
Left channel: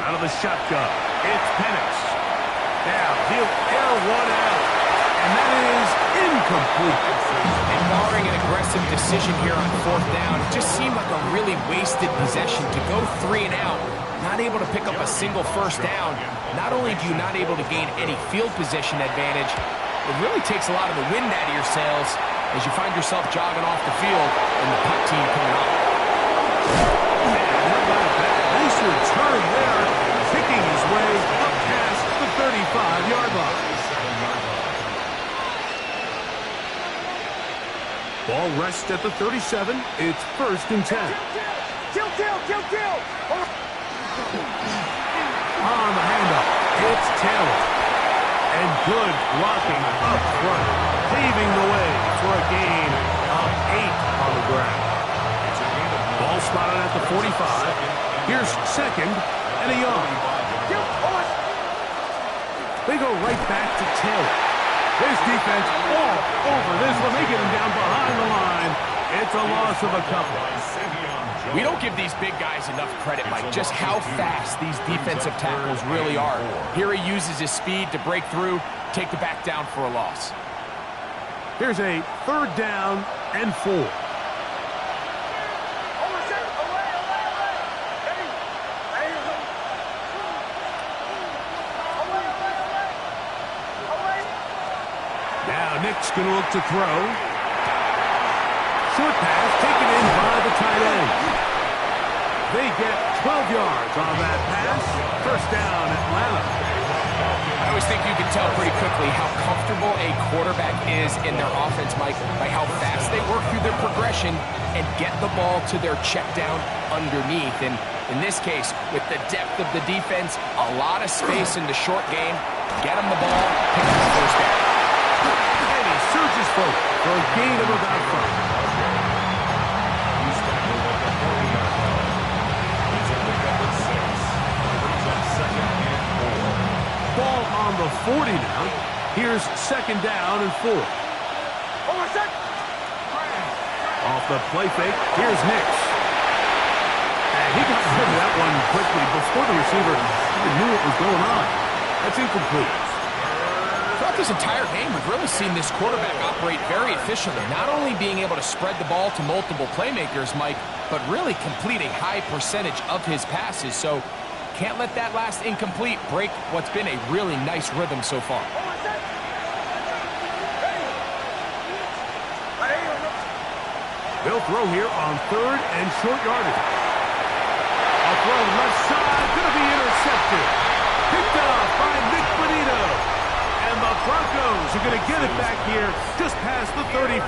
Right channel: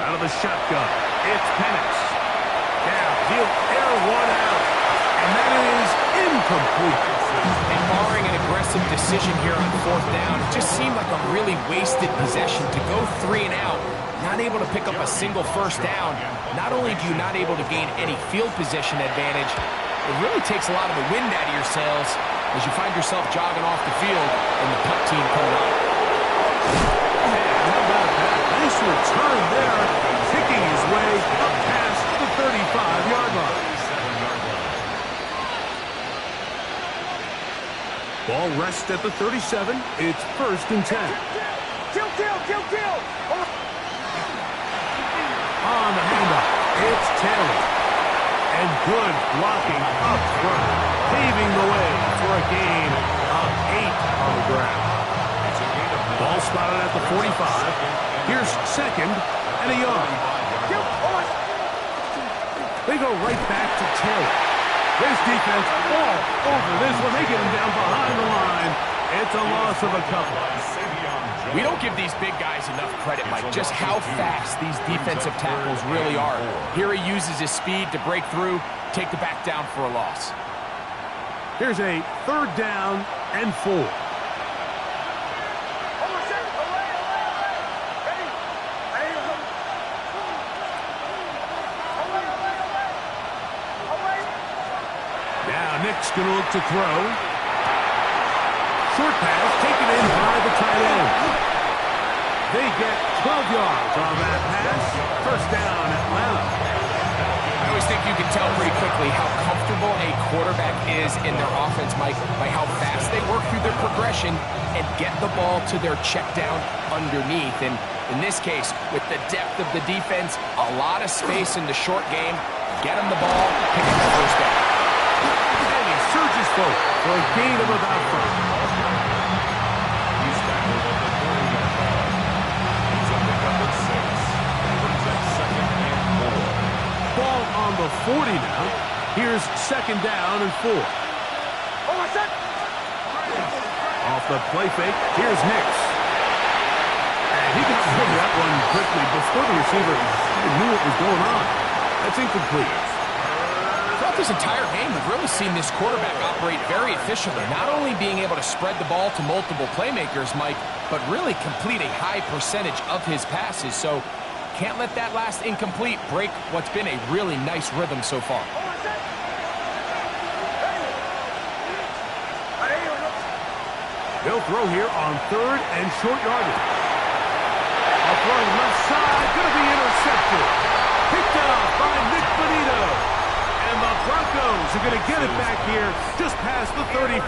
Out of the shotgun, it's Penix. Now he'll air one out, and that is incomplete. And barring an aggressive decision here on 4th down, it just seemed like a really wasted possession to go 3 and out, not able to pick up a single first down. Not only do you not able to gain any field position advantage, it really takes a lot of the wind out of your sails as you find yourself jogging off the field and the punt team coming up. Man, how about that? Nice return there, picking his way up past the 35-yard line. Ball rests at the 37. It's 1st and 10. Kill! On the handoff, it's Taylor. And good blocking up front, paving the way for a gain of 8 on the ground. Ball spotted at the 45. Here's 2nd and a yard. They go right back to Taylor. This defense all over this one. They get him down behind the line. It's a loss of a couple. We don't give these big guys enough credit, Mike, just how fast these defensive tackles really are. Here he uses his speed to break through, take the back down for a loss. Here's a 3rd down and 4. Now Nick's going to look to throw. Short pass taken in by the tight end. They get 12 yards on that pass. 1st down, Atlanta. I always think you can tell pretty quickly how comfortable a quarterback is in their offense, Mike, by how fast they work through their progression and get the ball to their check down underneath. And in this case, with the depth of the defense, a lot of space in the short game, get them the ball, pick up the 1st down. And he surges forward for a gain of about 5. He's tackled at the 40-yard line. He's a pickup at 6. Brings up 2nd and 4. Ball on the 40 now. Here's 2nd down and 4. Off the play fake, here's Nix. And he got rid of that one quickly before the receiver even knew what was going on. That's incomplete. Thought throughout this entire game, we've really seen this quarterback operate very efficiently, not only being able to spread the ball to multiple playmakers, Mike, but really complete a high percentage of his passes. So can't let that last incomplete break what's been a really nice rhythm so far. They'll throw here on 3rd and short yardage. A throw left side, going to be intercepted. Picked off by Nick Bonito. And the Broncos are going to get it back here just past the 35.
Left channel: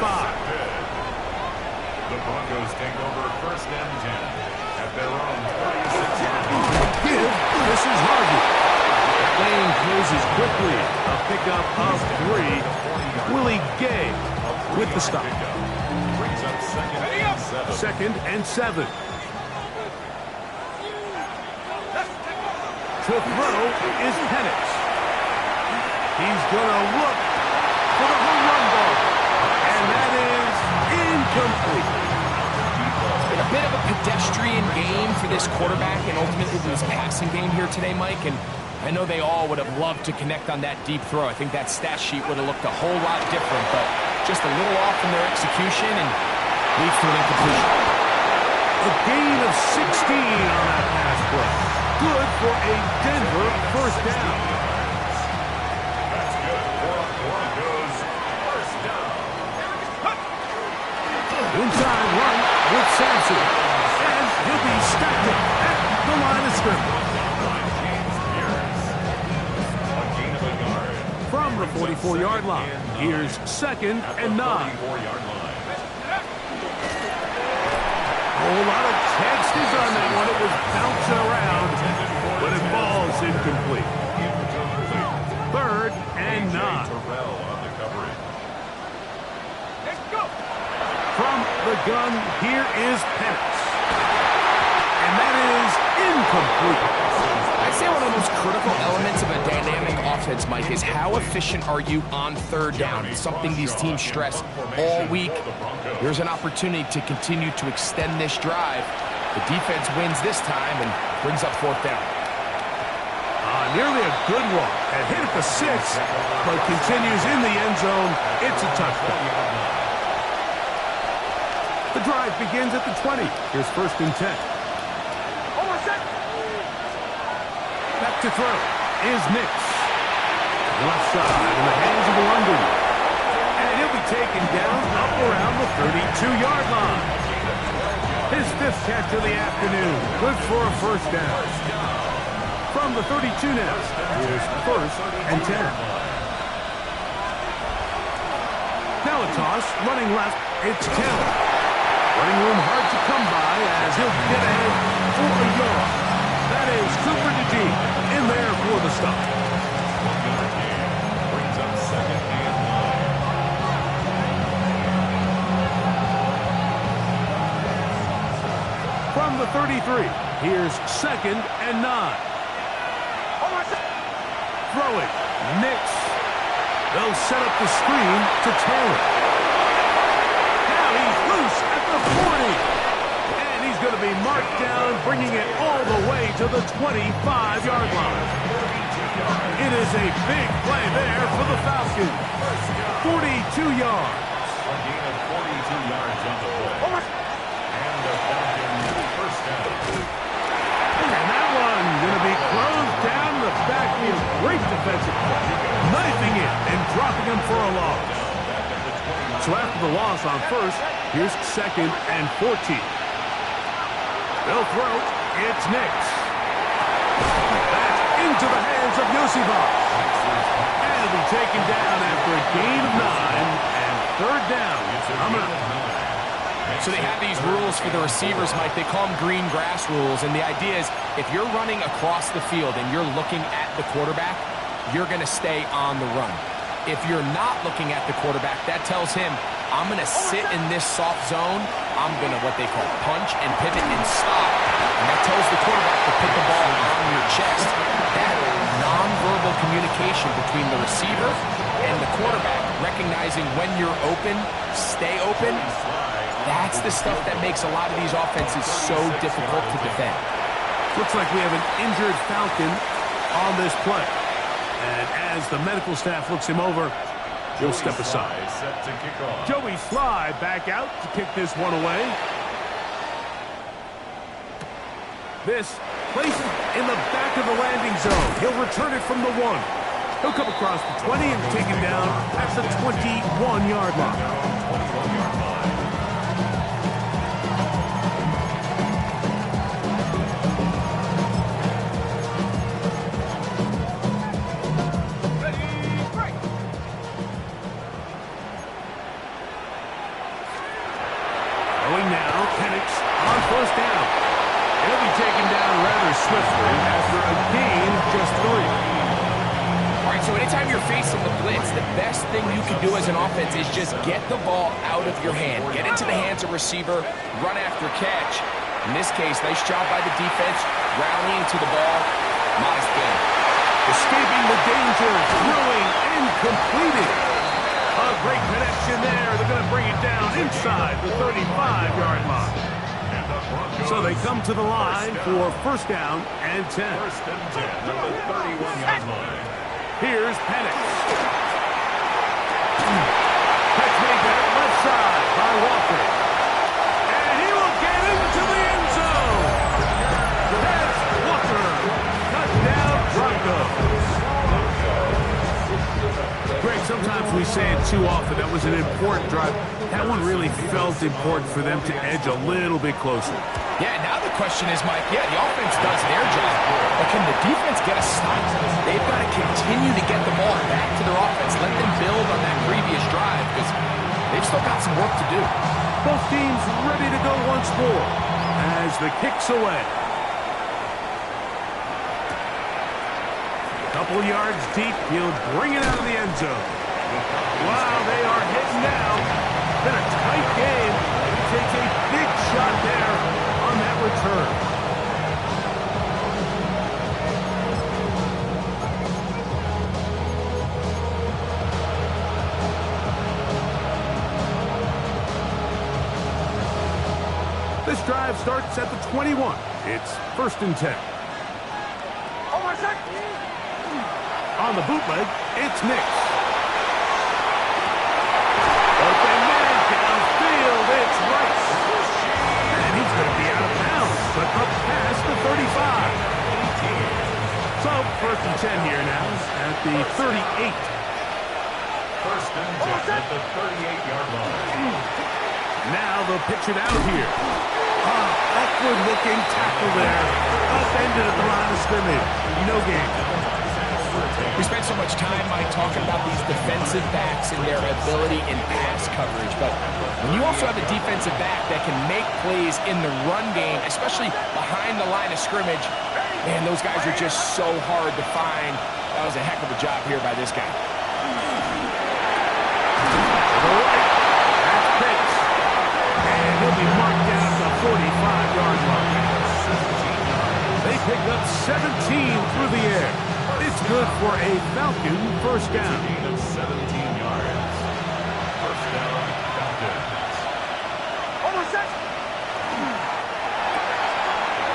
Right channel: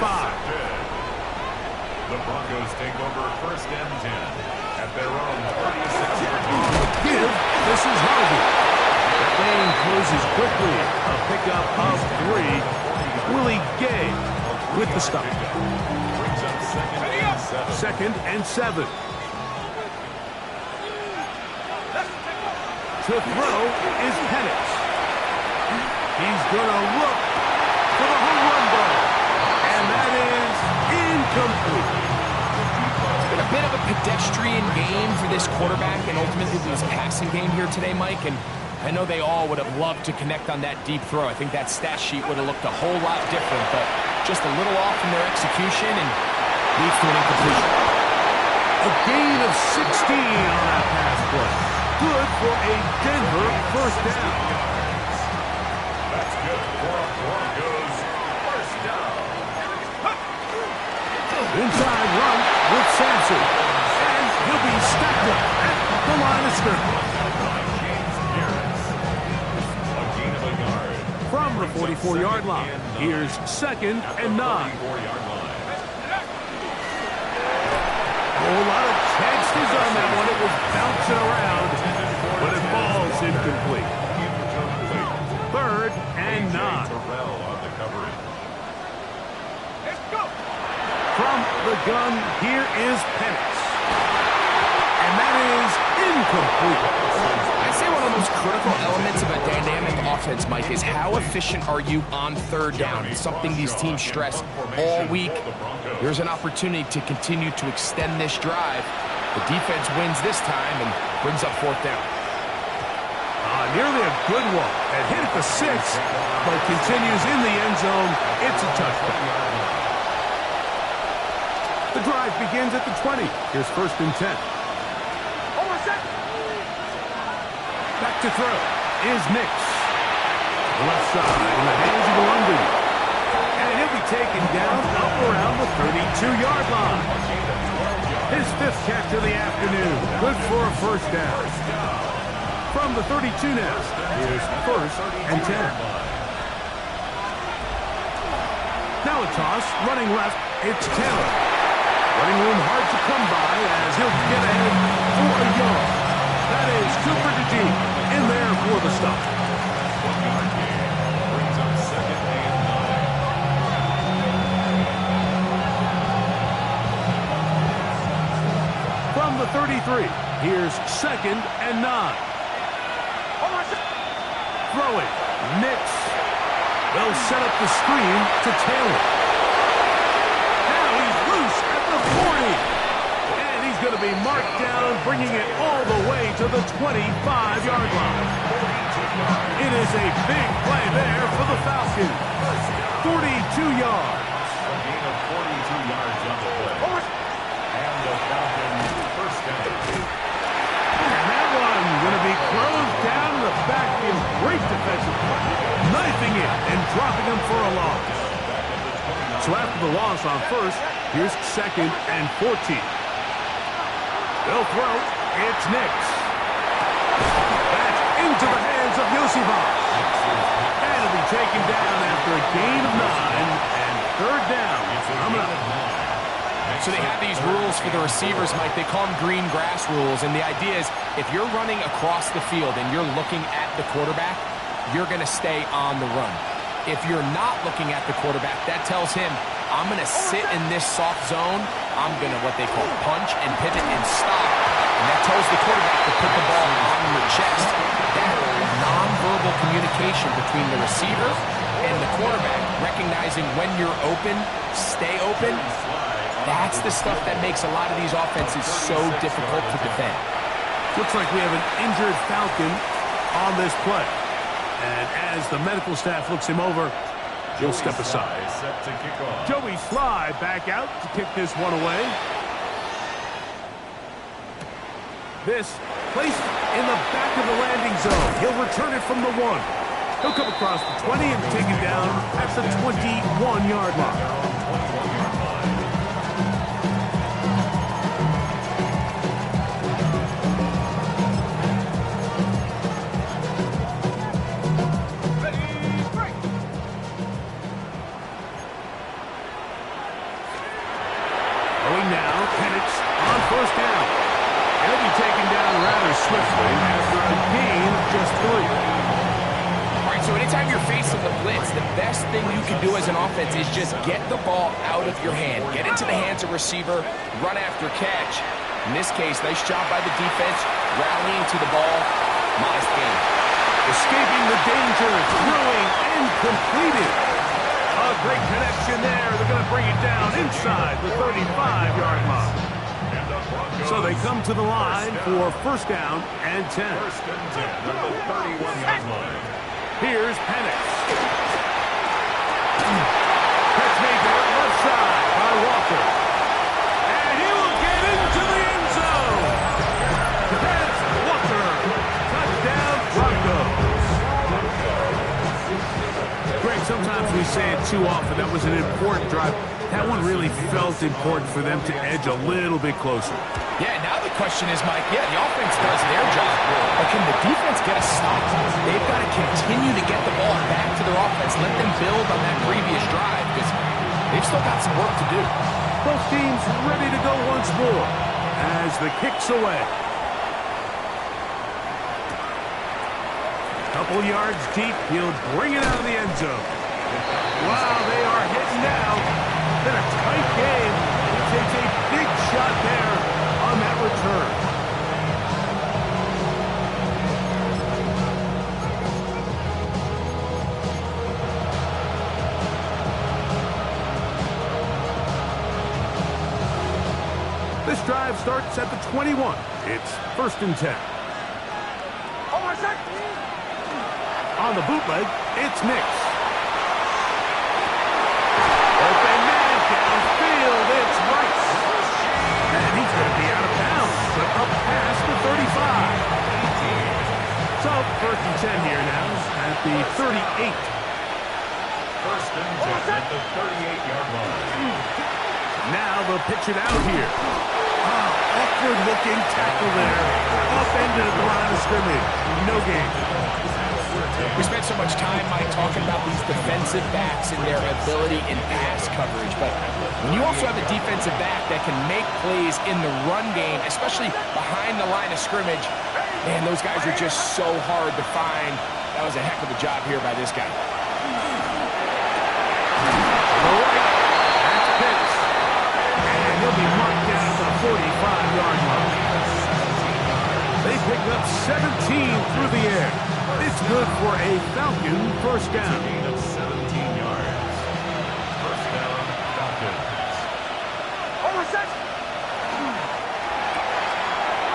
The Broncos take over 1st and 10 at their own 36-yard line. Give, this is Harvey. That lane closes quickly. A pickup of 3. Willie Gay with the stop. Brings up 2nd and 7. 2nd and 7. To throw is Penix. He's going to look for the home run ball. And that is incomplete. It's been a bit of a pedestrian game for this quarterback and ultimately this passing game here today, Mike. And I know they all would have loved to connect on that deep throw. I think that stat sheet would have looked a whole lot different, but just a little off in their execution and leads to an incompletion. A gain of 16 on that pass play. Good for a Denver 1st down. That's good for Broncos 1st down. Inside run with Sampson. And he'll be stacked up at the line of scrimmage. By James Pierce. A gain of a yard. From the 44-yard line, here's 2nd and 9. 44-yard line. A whole lot of chances on that one. It was bouncing around, but it falls incomplete. 3rd and 9. Terrell on the coverage. Let's go. From the gun, here is Penix. And that is incomplete. I'd say one of the most critical elements of a dynamic offense, Mike, is how efficient are you on 3rd down? It's something these teams stress all week. Here's an opportunity to continue to extend this drive. The defense wins this time and brings up 4th down. Nearly a good one. A hit at the 6, but continues in the end zone. It's a touchdown. The drive begins at the 20. Here's 1st and 10. Back to throw is Nix. Left side in the hands of London. And he'll be taken down up around the 32-yard line. His 5th catch of the afternoon. Good for a 1st down. From the 32 now, here's 1st and 10. Now a toss, running left, it's Taylor. Running room hard to come by as he'll get ahead for a yard. That is Cooper DeJean in there for the stop. 1-yard gain brings up 2nd and 9. From the 33, here's 2nd and 9. Throwing, Nix. They'll set up the screen to Taylor. Now he's loose at the 40. And he's going to be marked down, bringing it all the way to the 25-yard line. It is a big play there for the Falcons. 42 yards. A gain of 42 yards on the play. And the Falcons 1st down. And that one going to be closed down the backfield. Great defensive play. Knifing it and dropping him for a loss. So after the loss on 1st, here's 2nd and 14. They'll throw. It's Nix. Back into the hands of Yosibas. And it'll be taken down after a gain of 9 and 3rd down. Coming up. So they have these rules for the receivers, Mike. They call them green grass rules. And the idea is if you're running across the field and you're looking at the quarterback, you're going to stay on the run. If you're not looking at the quarterback, that tells him, I'm going to sit in this soft zone. I'm going to what they call punch and pivot and stop. And that tells the quarterback to put the ball on your chest. That nonverbal communication between the receiver and the quarterback, recognizing when you're open, stay open, that's the stuff that makes a lot of these offenses so difficult to defend. Looks like we have an injured Falcon on this play. And as the medical staff looks him over, he'll step aside. Set to kick off. Joey Sly back out to kick this one away. This placed in the back of the landing zone. He'll return it from the 1. He'll come across the 20 and take it down at the 21-yard line. Their own 21-yard line. Ready, break. Going now, Penix on first down. He'll be taken down rather swiftly after a gain of just 3. All right, so anytime you're facing the blitz, the best thing you can do as an offense is just get the ball out of your hand. Get into the hands of receiver, run after catch. In this case, nice job by the defense, rallying to the ball. Modest gain. Escaping the danger, throwing and completing. A great connection there. They're going to bring it down inside the 35-yard line. And the Broncos. So they come to the line for first down and 10. First and 10 at the 31-yard line. Here's Penix. Catch made there, left side by Walker. And he will get into the end zone. That's Walker. Touchdown, Broncos. Greg, sometimes we say it too often. That was an important drive. That one really felt important for them to edge a little bit closer. Yeah, now the question is, Mike, the offense does their job, but can the defense get a stop? They've got to continue to get the ball back to their offense. Let them build on that previous drive because they've still got some work to do. Both teams ready to go once more as the kick's away. Couple yards deep, he'll bring it out of the end zone. Wow, they are hitting now. Been a tight game. He takes a big shot there on that return. This drive starts at the 21. It's first and 10. Oh, my God. On the bootleg, it's Nix. Open man downfield, it's Rice. And he's going to be out of bounds, but up past the 35. So, first and 10 here now at the 38. First and 10 at the 38-yard line. Now they'll pitch it out here. Awkward-looking tackle there. Upended at the line of scrimmage. No gain. We spent so much time, Mike, talking about these defensive backs and their ability in pass coverage. But when you also have a defensive back that can make plays in the run game, especially behind the line of scrimmage, man, those guys are just so hard to find. That was a heck of a job here by this guy. To the right, that's Pitts. And he'll be marked down at the 45-yard line. They pick up 17 through the air. It's good for a Falcon first down. Gain of 17 yards. First down, Falcons. Over set.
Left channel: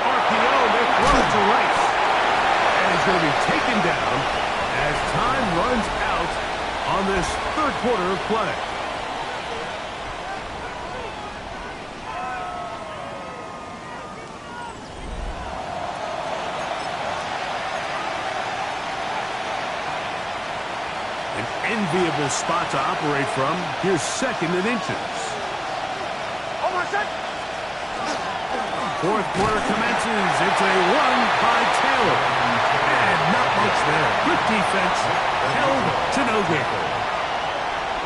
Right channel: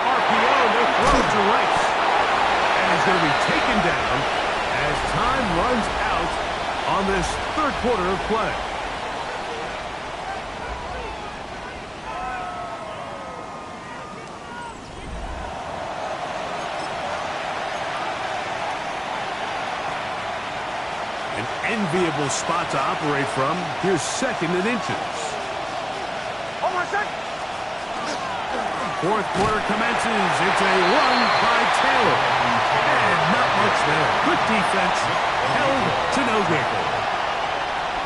RPO, they're thrown to Rice. And he's going to be taken down as time runs out on this third quarter of play. An enviable spot to operate from. Here's second and inches. Oh, my God. Fourth quarter commences. It's a run by Taylor. And not much there. Good defense. Held to no gain.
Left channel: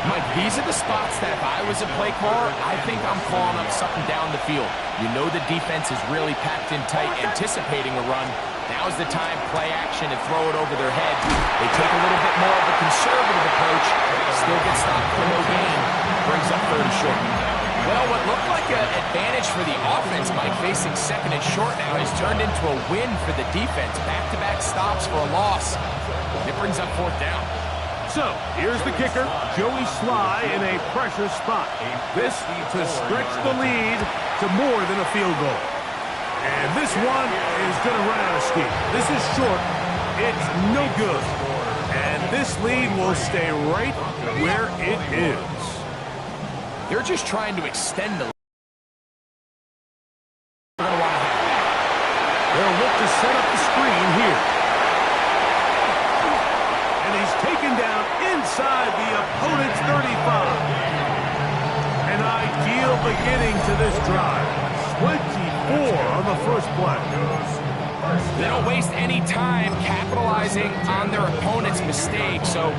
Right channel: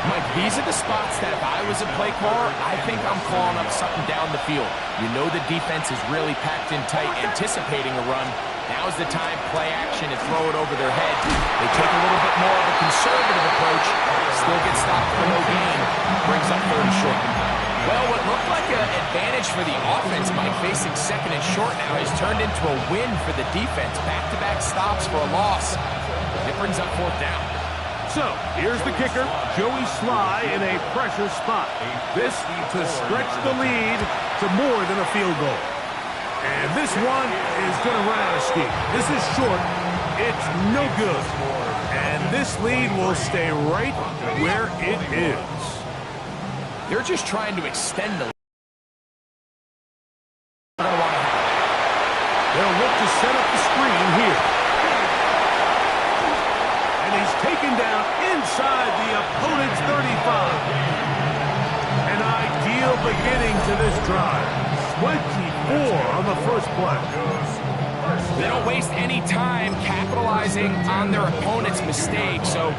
Mike, these are the spots that if I was a play caller, I think I'm calling up something down the field. You know the defense is really packed in tight, anticipating a run. Now's the time, play action, and throw it over their head. They take a little bit more of a conservative approach, still get stopped for no gain, brings up third and short. Well, what looked like an advantage for the offense, Mike, facing second and short now, has turned into a win for the defense. Back-to-back stops for a loss. It brings up fourth down. So, here's the kicker, Joey Sly in a pressure spot. This to stretch the lead to more than a field goal. And this one is going to run out of steam. This is short. It's no good. And this lead will stay right where it is. They're just trying to extend the lead. They're going to want to have that. They'll look to set up the screen here. And he's taken down inside the opponent's 35. An ideal beginning to this drive. 24 on the first play. They don't waste any time capitalizing on their opponent's mistake. So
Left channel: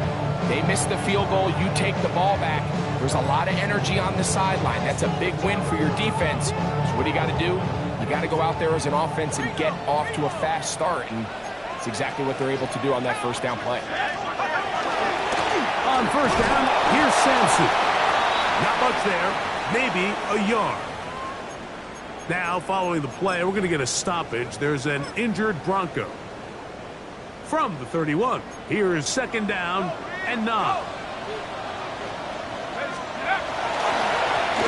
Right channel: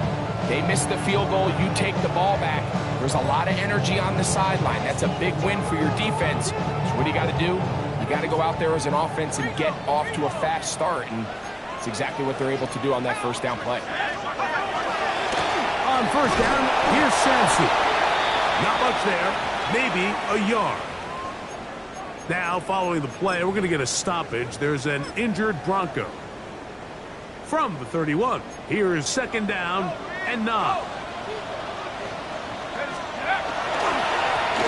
they miss the field goal, you take the ball back. There's a lot of energy on the sideline. That's a big win for your defense. So what do you got to do? You got to go out there as an offense and get off to a fast start. And it's exactly what they're able to do on that first down play. On first down, here's Sampson. Not much there. Maybe a yard. Now, following the play, we're going to get a stoppage. There's an injured Bronco. From the 31, here is second down and 9.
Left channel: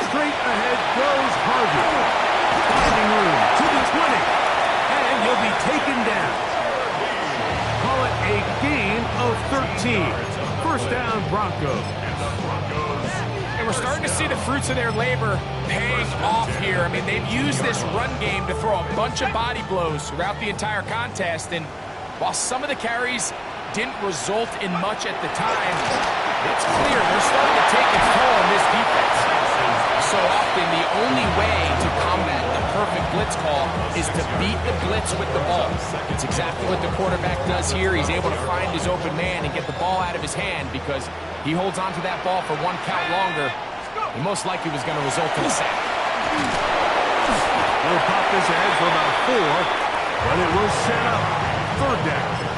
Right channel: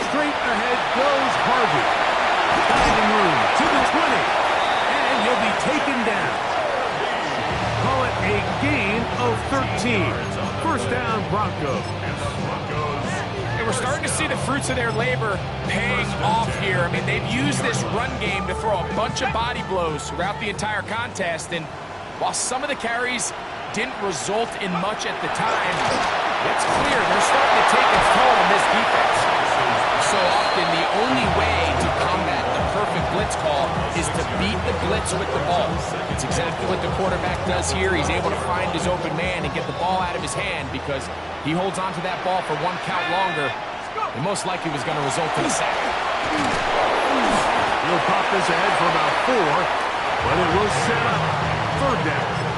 Straight ahead goes Harvey. Finding room to the 20. And he'll be taken down. Call it a gain of 13. First down, Broncos. And we're starting to see the fruits of their labor paying off here. I mean, they've used this run game to throw a bunch of body blows throughout the entire contest. And while some of the carries didn't result in much at the time, it's clear they're starting to take its toll on this defense. So often, the only way to combat the perfect blitz call is to beat the blitz with the ball. It's exactly what the quarterback does here. He's able to find his open man and get the ball out of his hand because he holds on to that ball for one count longer. And most likely was going to result in a sack. He'll pop this ahead for about 4, but it will set up third down.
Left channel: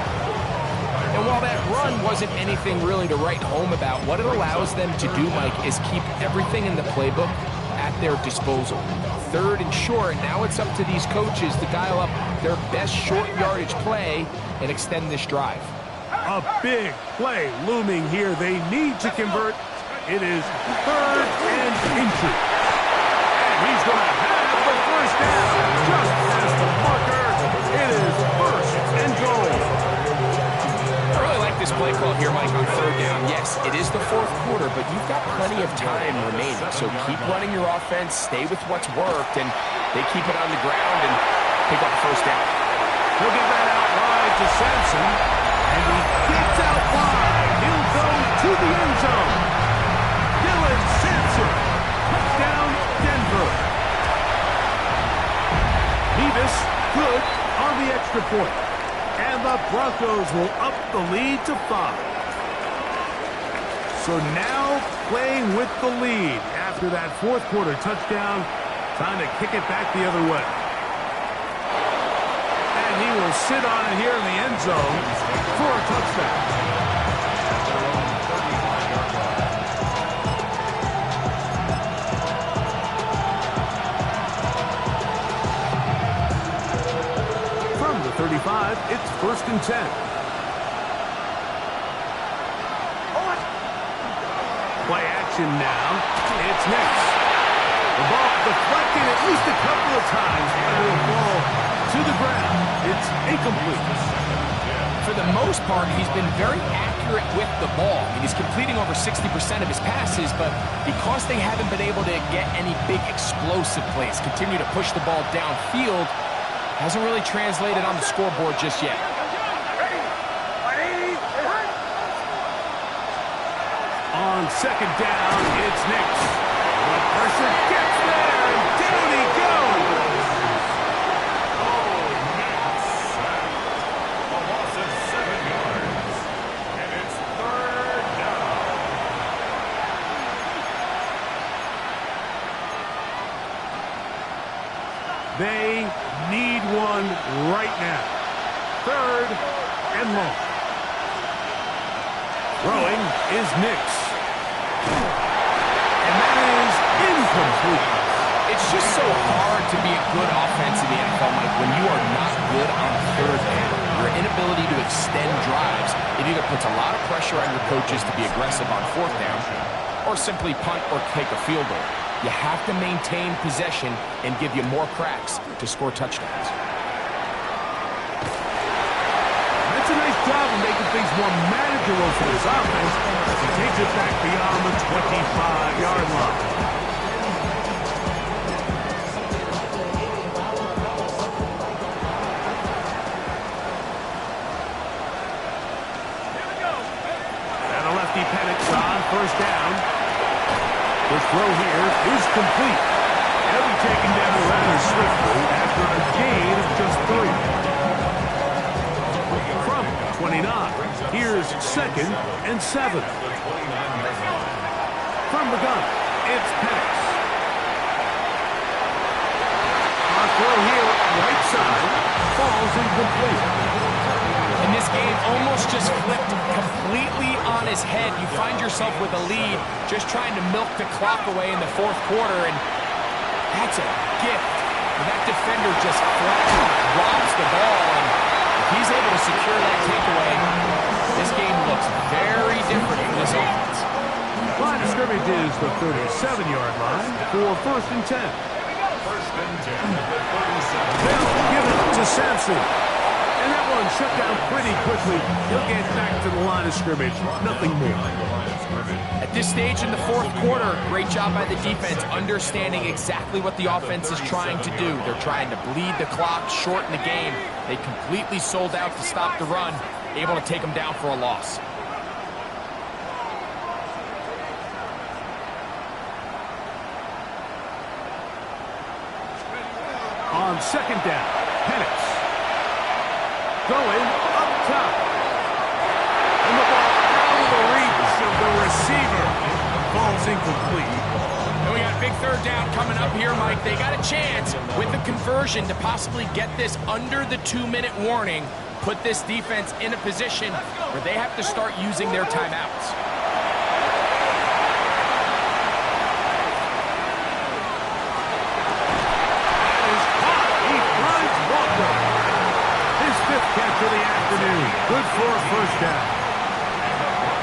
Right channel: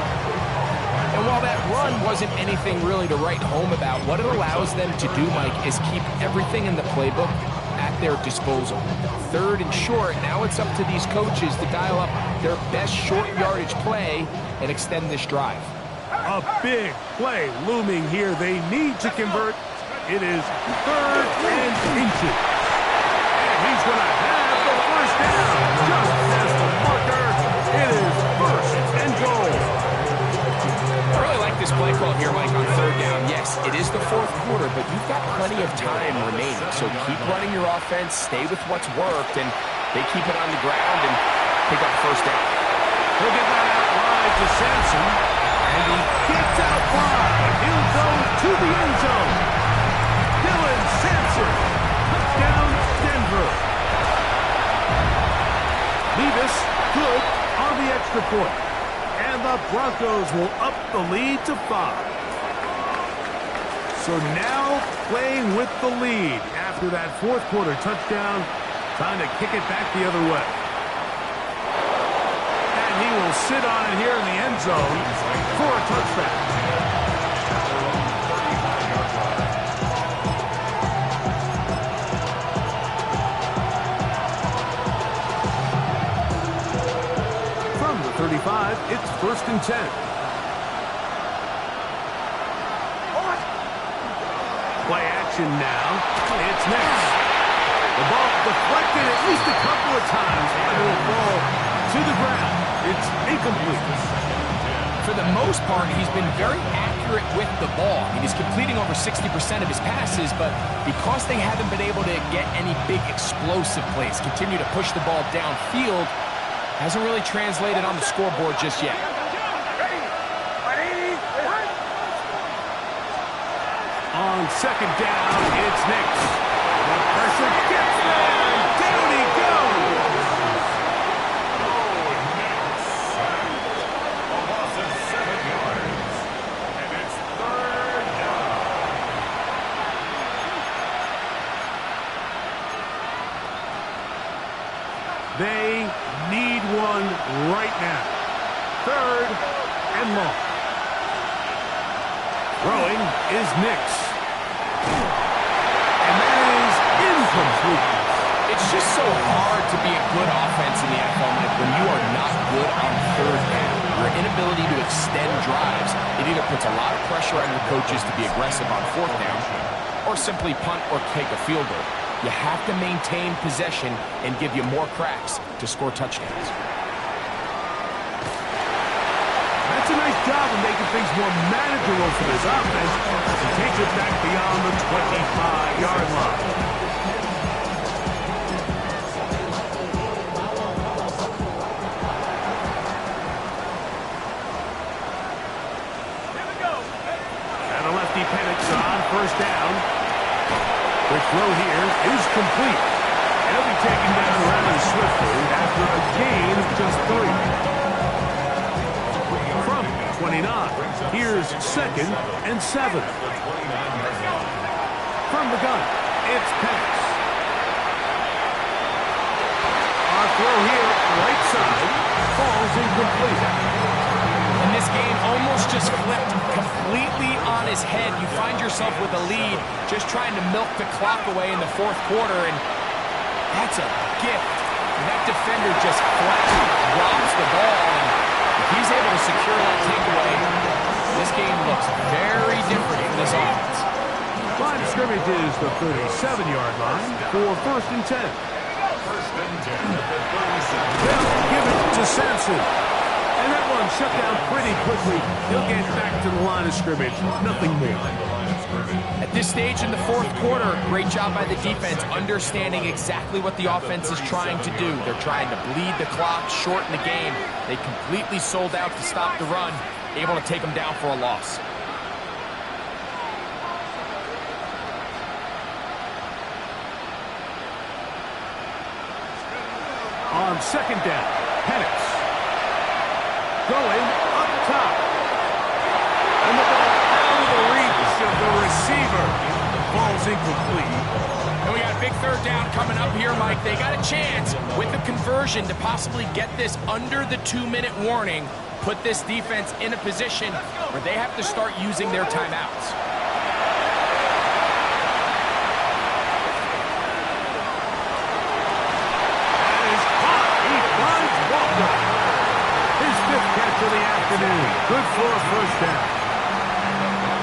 And while that run wasn't anything really to write home about, what it allows them to do, Mike, is keep everything in the playbook at their disposal. Third and short, now it's up to these coaches to dial up their best short yardage play and extend this drive. A big play looming here. They need to convert. It is third and inches. And he's going to have the first down. Just as the marker, it is first and goal. I really like this play call here, Mike, on third down. Yes, it is the fourth quarter, but you've got plenty of time remaining. So keep running your offense, stay with what's worked, and they keep it on the ground and pick up the first down. He'll get that out wide to Sampson, and he gets out wide. He'll go to the end zone. Dylan Sampson, touchdown Denver. Levis good on the extra point. And the Broncos will up the lead to 5. So now playing with the lead after that fourth quarter touchdown. Trying to kick it back the other way. And he will sit on it here in the end zone for a touchback. From the 35, it's first and 10. Play action now. It's next. The ball deflected at least a couple of times, but it'll fall to the ground. It's incomplete. For the most part, he's been very accurate with the ball. I mean, he's completing over 60% of his passes, but because they haven't been able to get any big explosive plays, continue to push the ball downfield, hasn't really translated on the scoreboard just yet. On second down, it's Nix. The pressure gets there, and down he goes. Nix. A loss of 7 yards. And it's third down. They need one right now. Third and long. Throwing is Nix. And that is incomplete. It's just so hard to be a good offense in the NFL, Mike, when you are not good on third down. Your inability to extend drives, it either puts a lot of pressure on your coaches to be aggressive on fourth down or simply punt or take a field goal. You have to maintain possession and give you more cracks to score touchdowns. That's a nice job of making things more manageable for this offense as he takes it back beyond the 25-yard line. Penix on first down. Quick throw here is complete. He'll be taken down rather swiftly after a gain of just 3. From 29, here's 2nd and 7. From the gun, it's Penix. On throw here, right side, falls incomplete. And this game almost just flipped completely on his head. You find yourself with a lead, just trying to milk the clock away in the 4th quarter, and that's a gift. And that defender just flat drops the ball, and if he's able to secure that takeaway, this game looks very different for this offense. Line of scrimmage is the 37-yard line for 1st and 10. 1st and 10 at the 37. They'll give it to Sampson. And that one shut down pretty quickly. He'll get back to the line of scrimmage. Nothing more. At this stage in the 4th quarter, great job by the defense, understanding exactly what the offense is trying to do. They're trying to bleed the clock, shorten the game. They completely sold out to stop the run, able to take them down for a loss. On 2nd down, Penix. Going up top. And the ball out of the reach of the receiver. The ball's incomplete. And we got a big 3rd down coming up here, Mike. They got a chance with the conversion to possibly get this under the 2-minute warning, put this defense in a position where they have to start using their timeouts. That is caught. He finds Walker. His 5th catch of the afternoon. Good for a 1st down.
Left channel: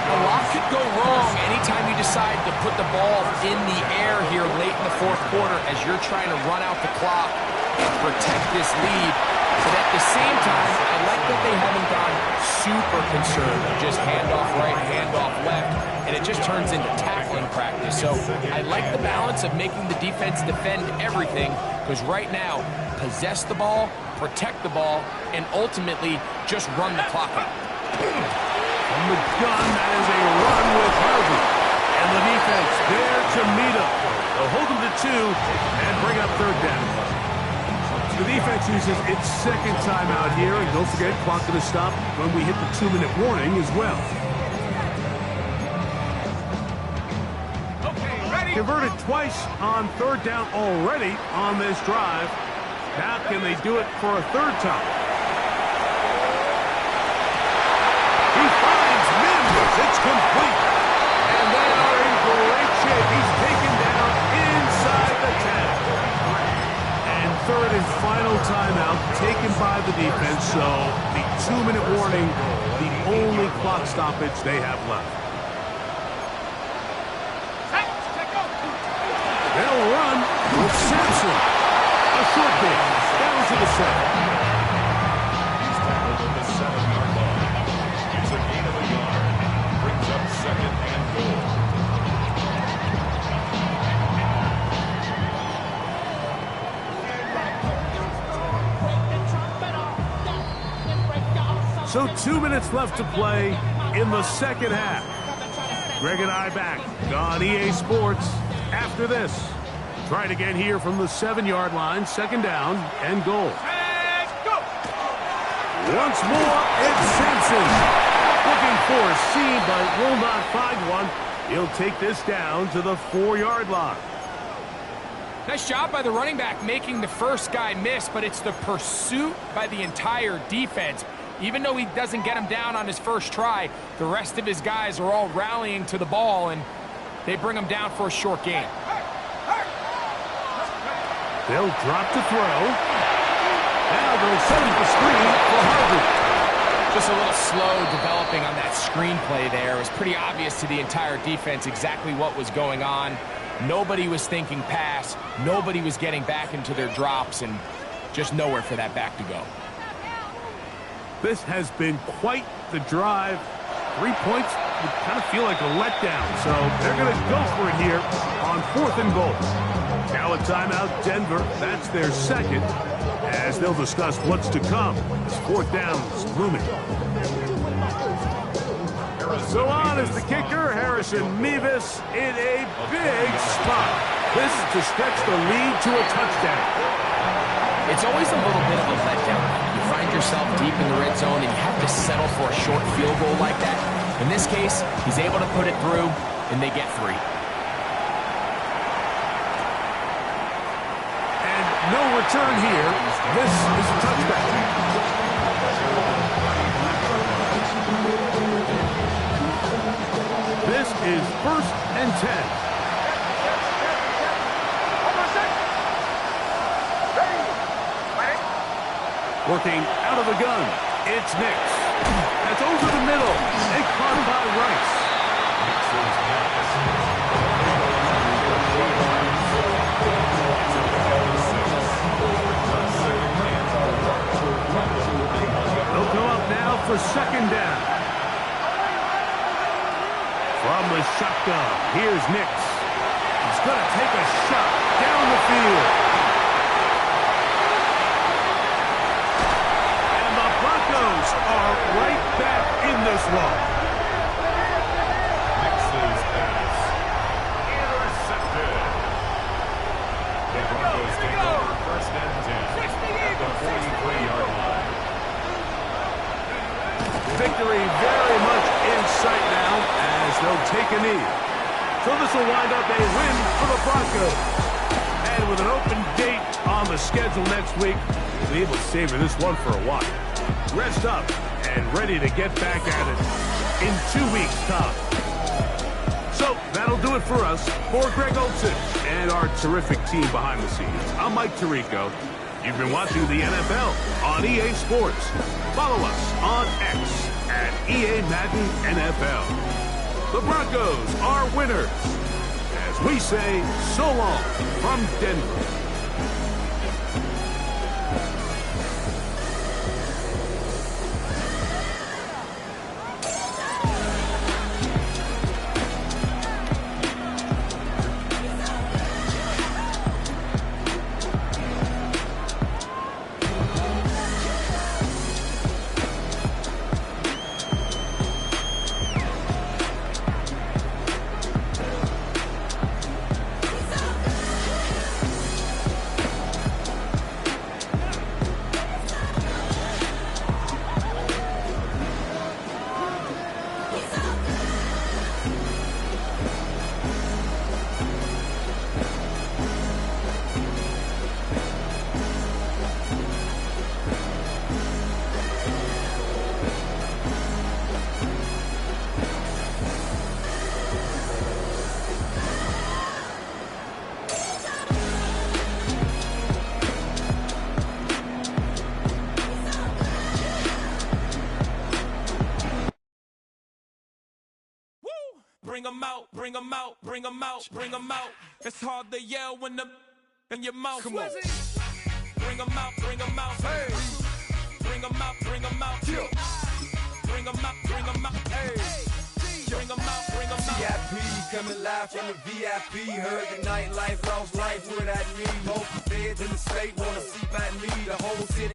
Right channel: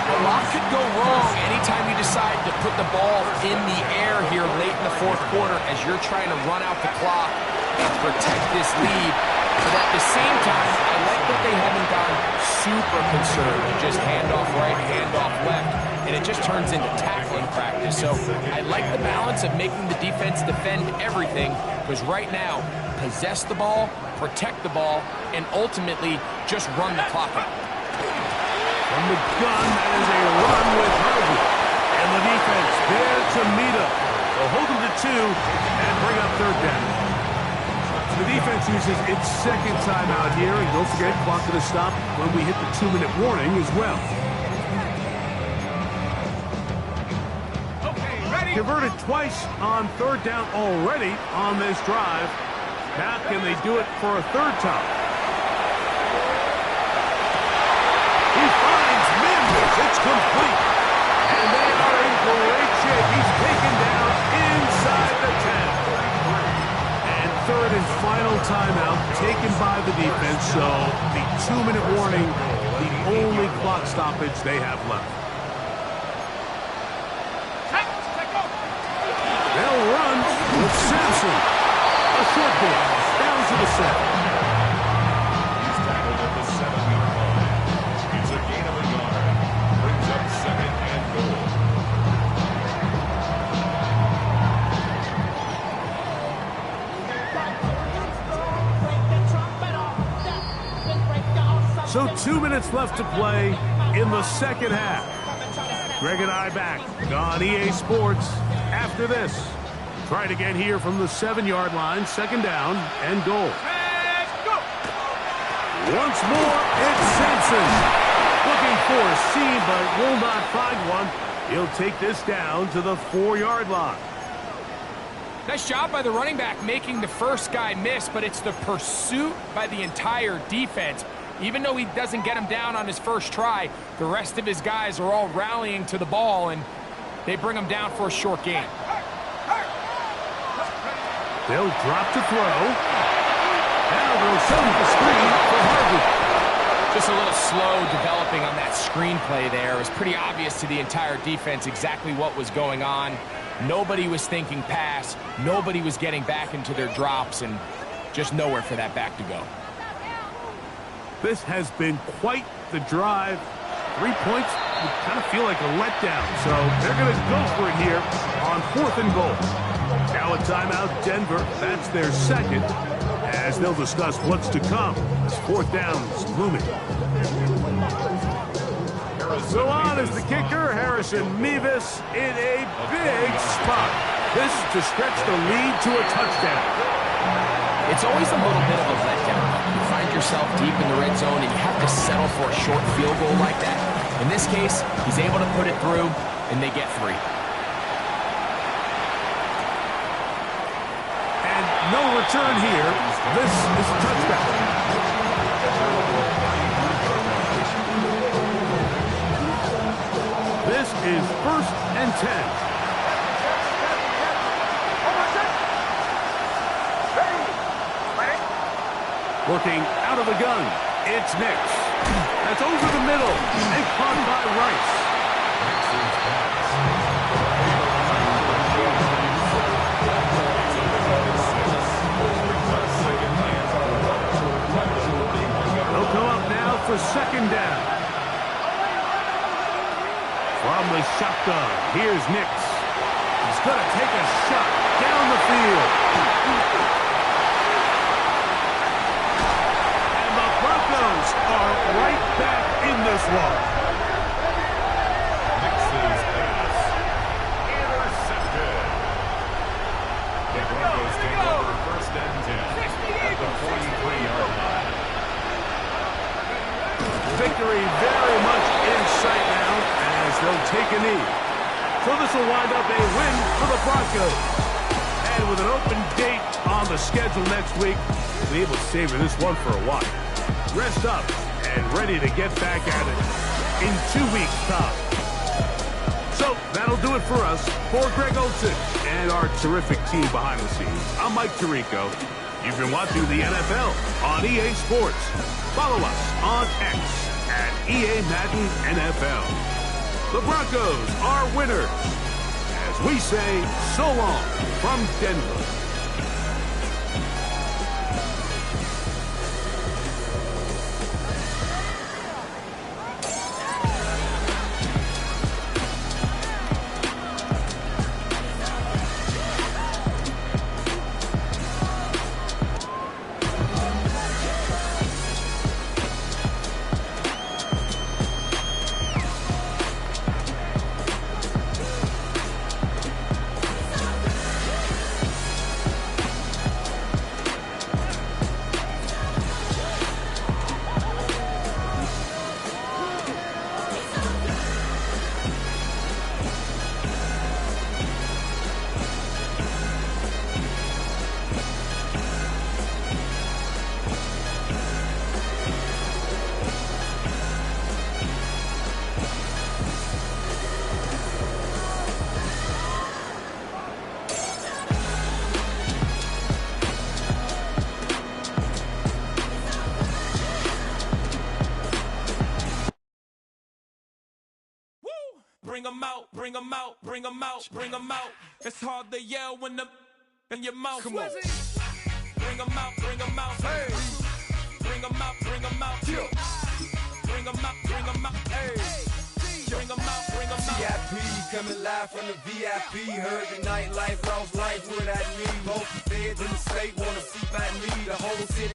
A lot could go wrong anytime you decide to put the ball in the air here late in the 4th quarter as you're trying to run out the clock and protect this lead. But at the same time, I like that they haven't gone super conservative, just handoff right, handoff left, and it just turns into tackling practice. So I like the balance of making the defense defend everything, because right now, possess the ball, protect the ball, and ultimately just run the clock out. From the gun, that is a run with Harvey. And the defense there to meet up. They'll hold them to 2 and bring up 3rd down. The defense uses its 2nd timeout here, and don't forget, clock going to stop when we hit the 2-minute warning as well. Okay, ready? Converted twice on 3rd down already on this drive. Now can they do it for a 3rd time? He finds Mims. It's complete. And they are in great shape. He's taken down inside the 10. And 3rd and final timeout taken by the defense. So the 2-minute warning, the only clock stoppage they have left. They'll run with Sampson. A short bit, down to the 7. He's tackled at the 7-yard line. It's a gain of a yard. Brings up 2nd and goal. So 2 minutes left to play in the 2nd half. Greg and I back on EA Sports after this. Try it again here from the 7-yard line, 2nd down and goal. And go! Once more, it's Sampson. Looking for a seam, but will not find one. He'll take this down to the 4-yard line. Nice job by the running back making the first guy miss, but it's the pursuit by the entire defense. Even though he doesn't get him down on his first try, the rest of his guys are all rallying to the ball, and they bring him down for a short gain. They'll drop to throw. Now they'll set up the screen for Harvey. Just a little slow developing on that screenplay there. It was pretty obvious to the entire defense exactly what was going on. Nobody was thinking pass. Nobody was getting back into their drops, and just nowhere for that back to go. This has been quite the drive. 3 points would kind of feel like a letdown, so they're going to go for it here on 4th and goal. Now a timeout, Denver. That's their second, as they'll discuss what's to come as 4th down's looming. So on is the kicker, Harrison Mevis, in a big spot. This is to stretch the lead to a touchdown. It's always a little bit of a letdown. You find yourself deep in the red zone and you have to settle for a short field goal like that. In this case, he's able to put it through, and they get 3. And no return here. This is a touchback. This is 1st and 10. Working out of the gun, it's Nix. That's over the middle and caught by Rice. Nixon's pass. They'll come up now for 2nd down. From the shotgun, here's Nix. He's going to take a shot down the field. Broncos are right back in this one. Nixon's pass. Intercepted. The Broncos take over 1st and 10 at the 43-yard line. Victory very much in sight now as they'll take a knee. So this will wind up a win for the Broncos. And with an open date on the schedule next week, we'll be able to savor this one for a while. Rest up and ready to get back at it in 2 weeks' time. So that'll do it for us. For Greg Olsen and our terrific team behind the scenes, I'm Mike Tirico. You've been watching the NFL on EA Sports. Follow us on X at EA Madden NFL. The Broncos are winners. As we say, so long from Denver. Bring 'em out, bring 'em out, bring 'em out, bring 'em out. It's hard to yell when the in your mouth. Come on. Bring 'em out, bring 'em out. Hey. Bring 'em out, bring 'em out. Yeah. Bring 'em out, bring 'em out. Hey. Bring 'em out, bring 'em out. VIP coming live from the VIP. Heard the nightlife, lost life without me. Both the feds in the state wanna see my knee. The whole city.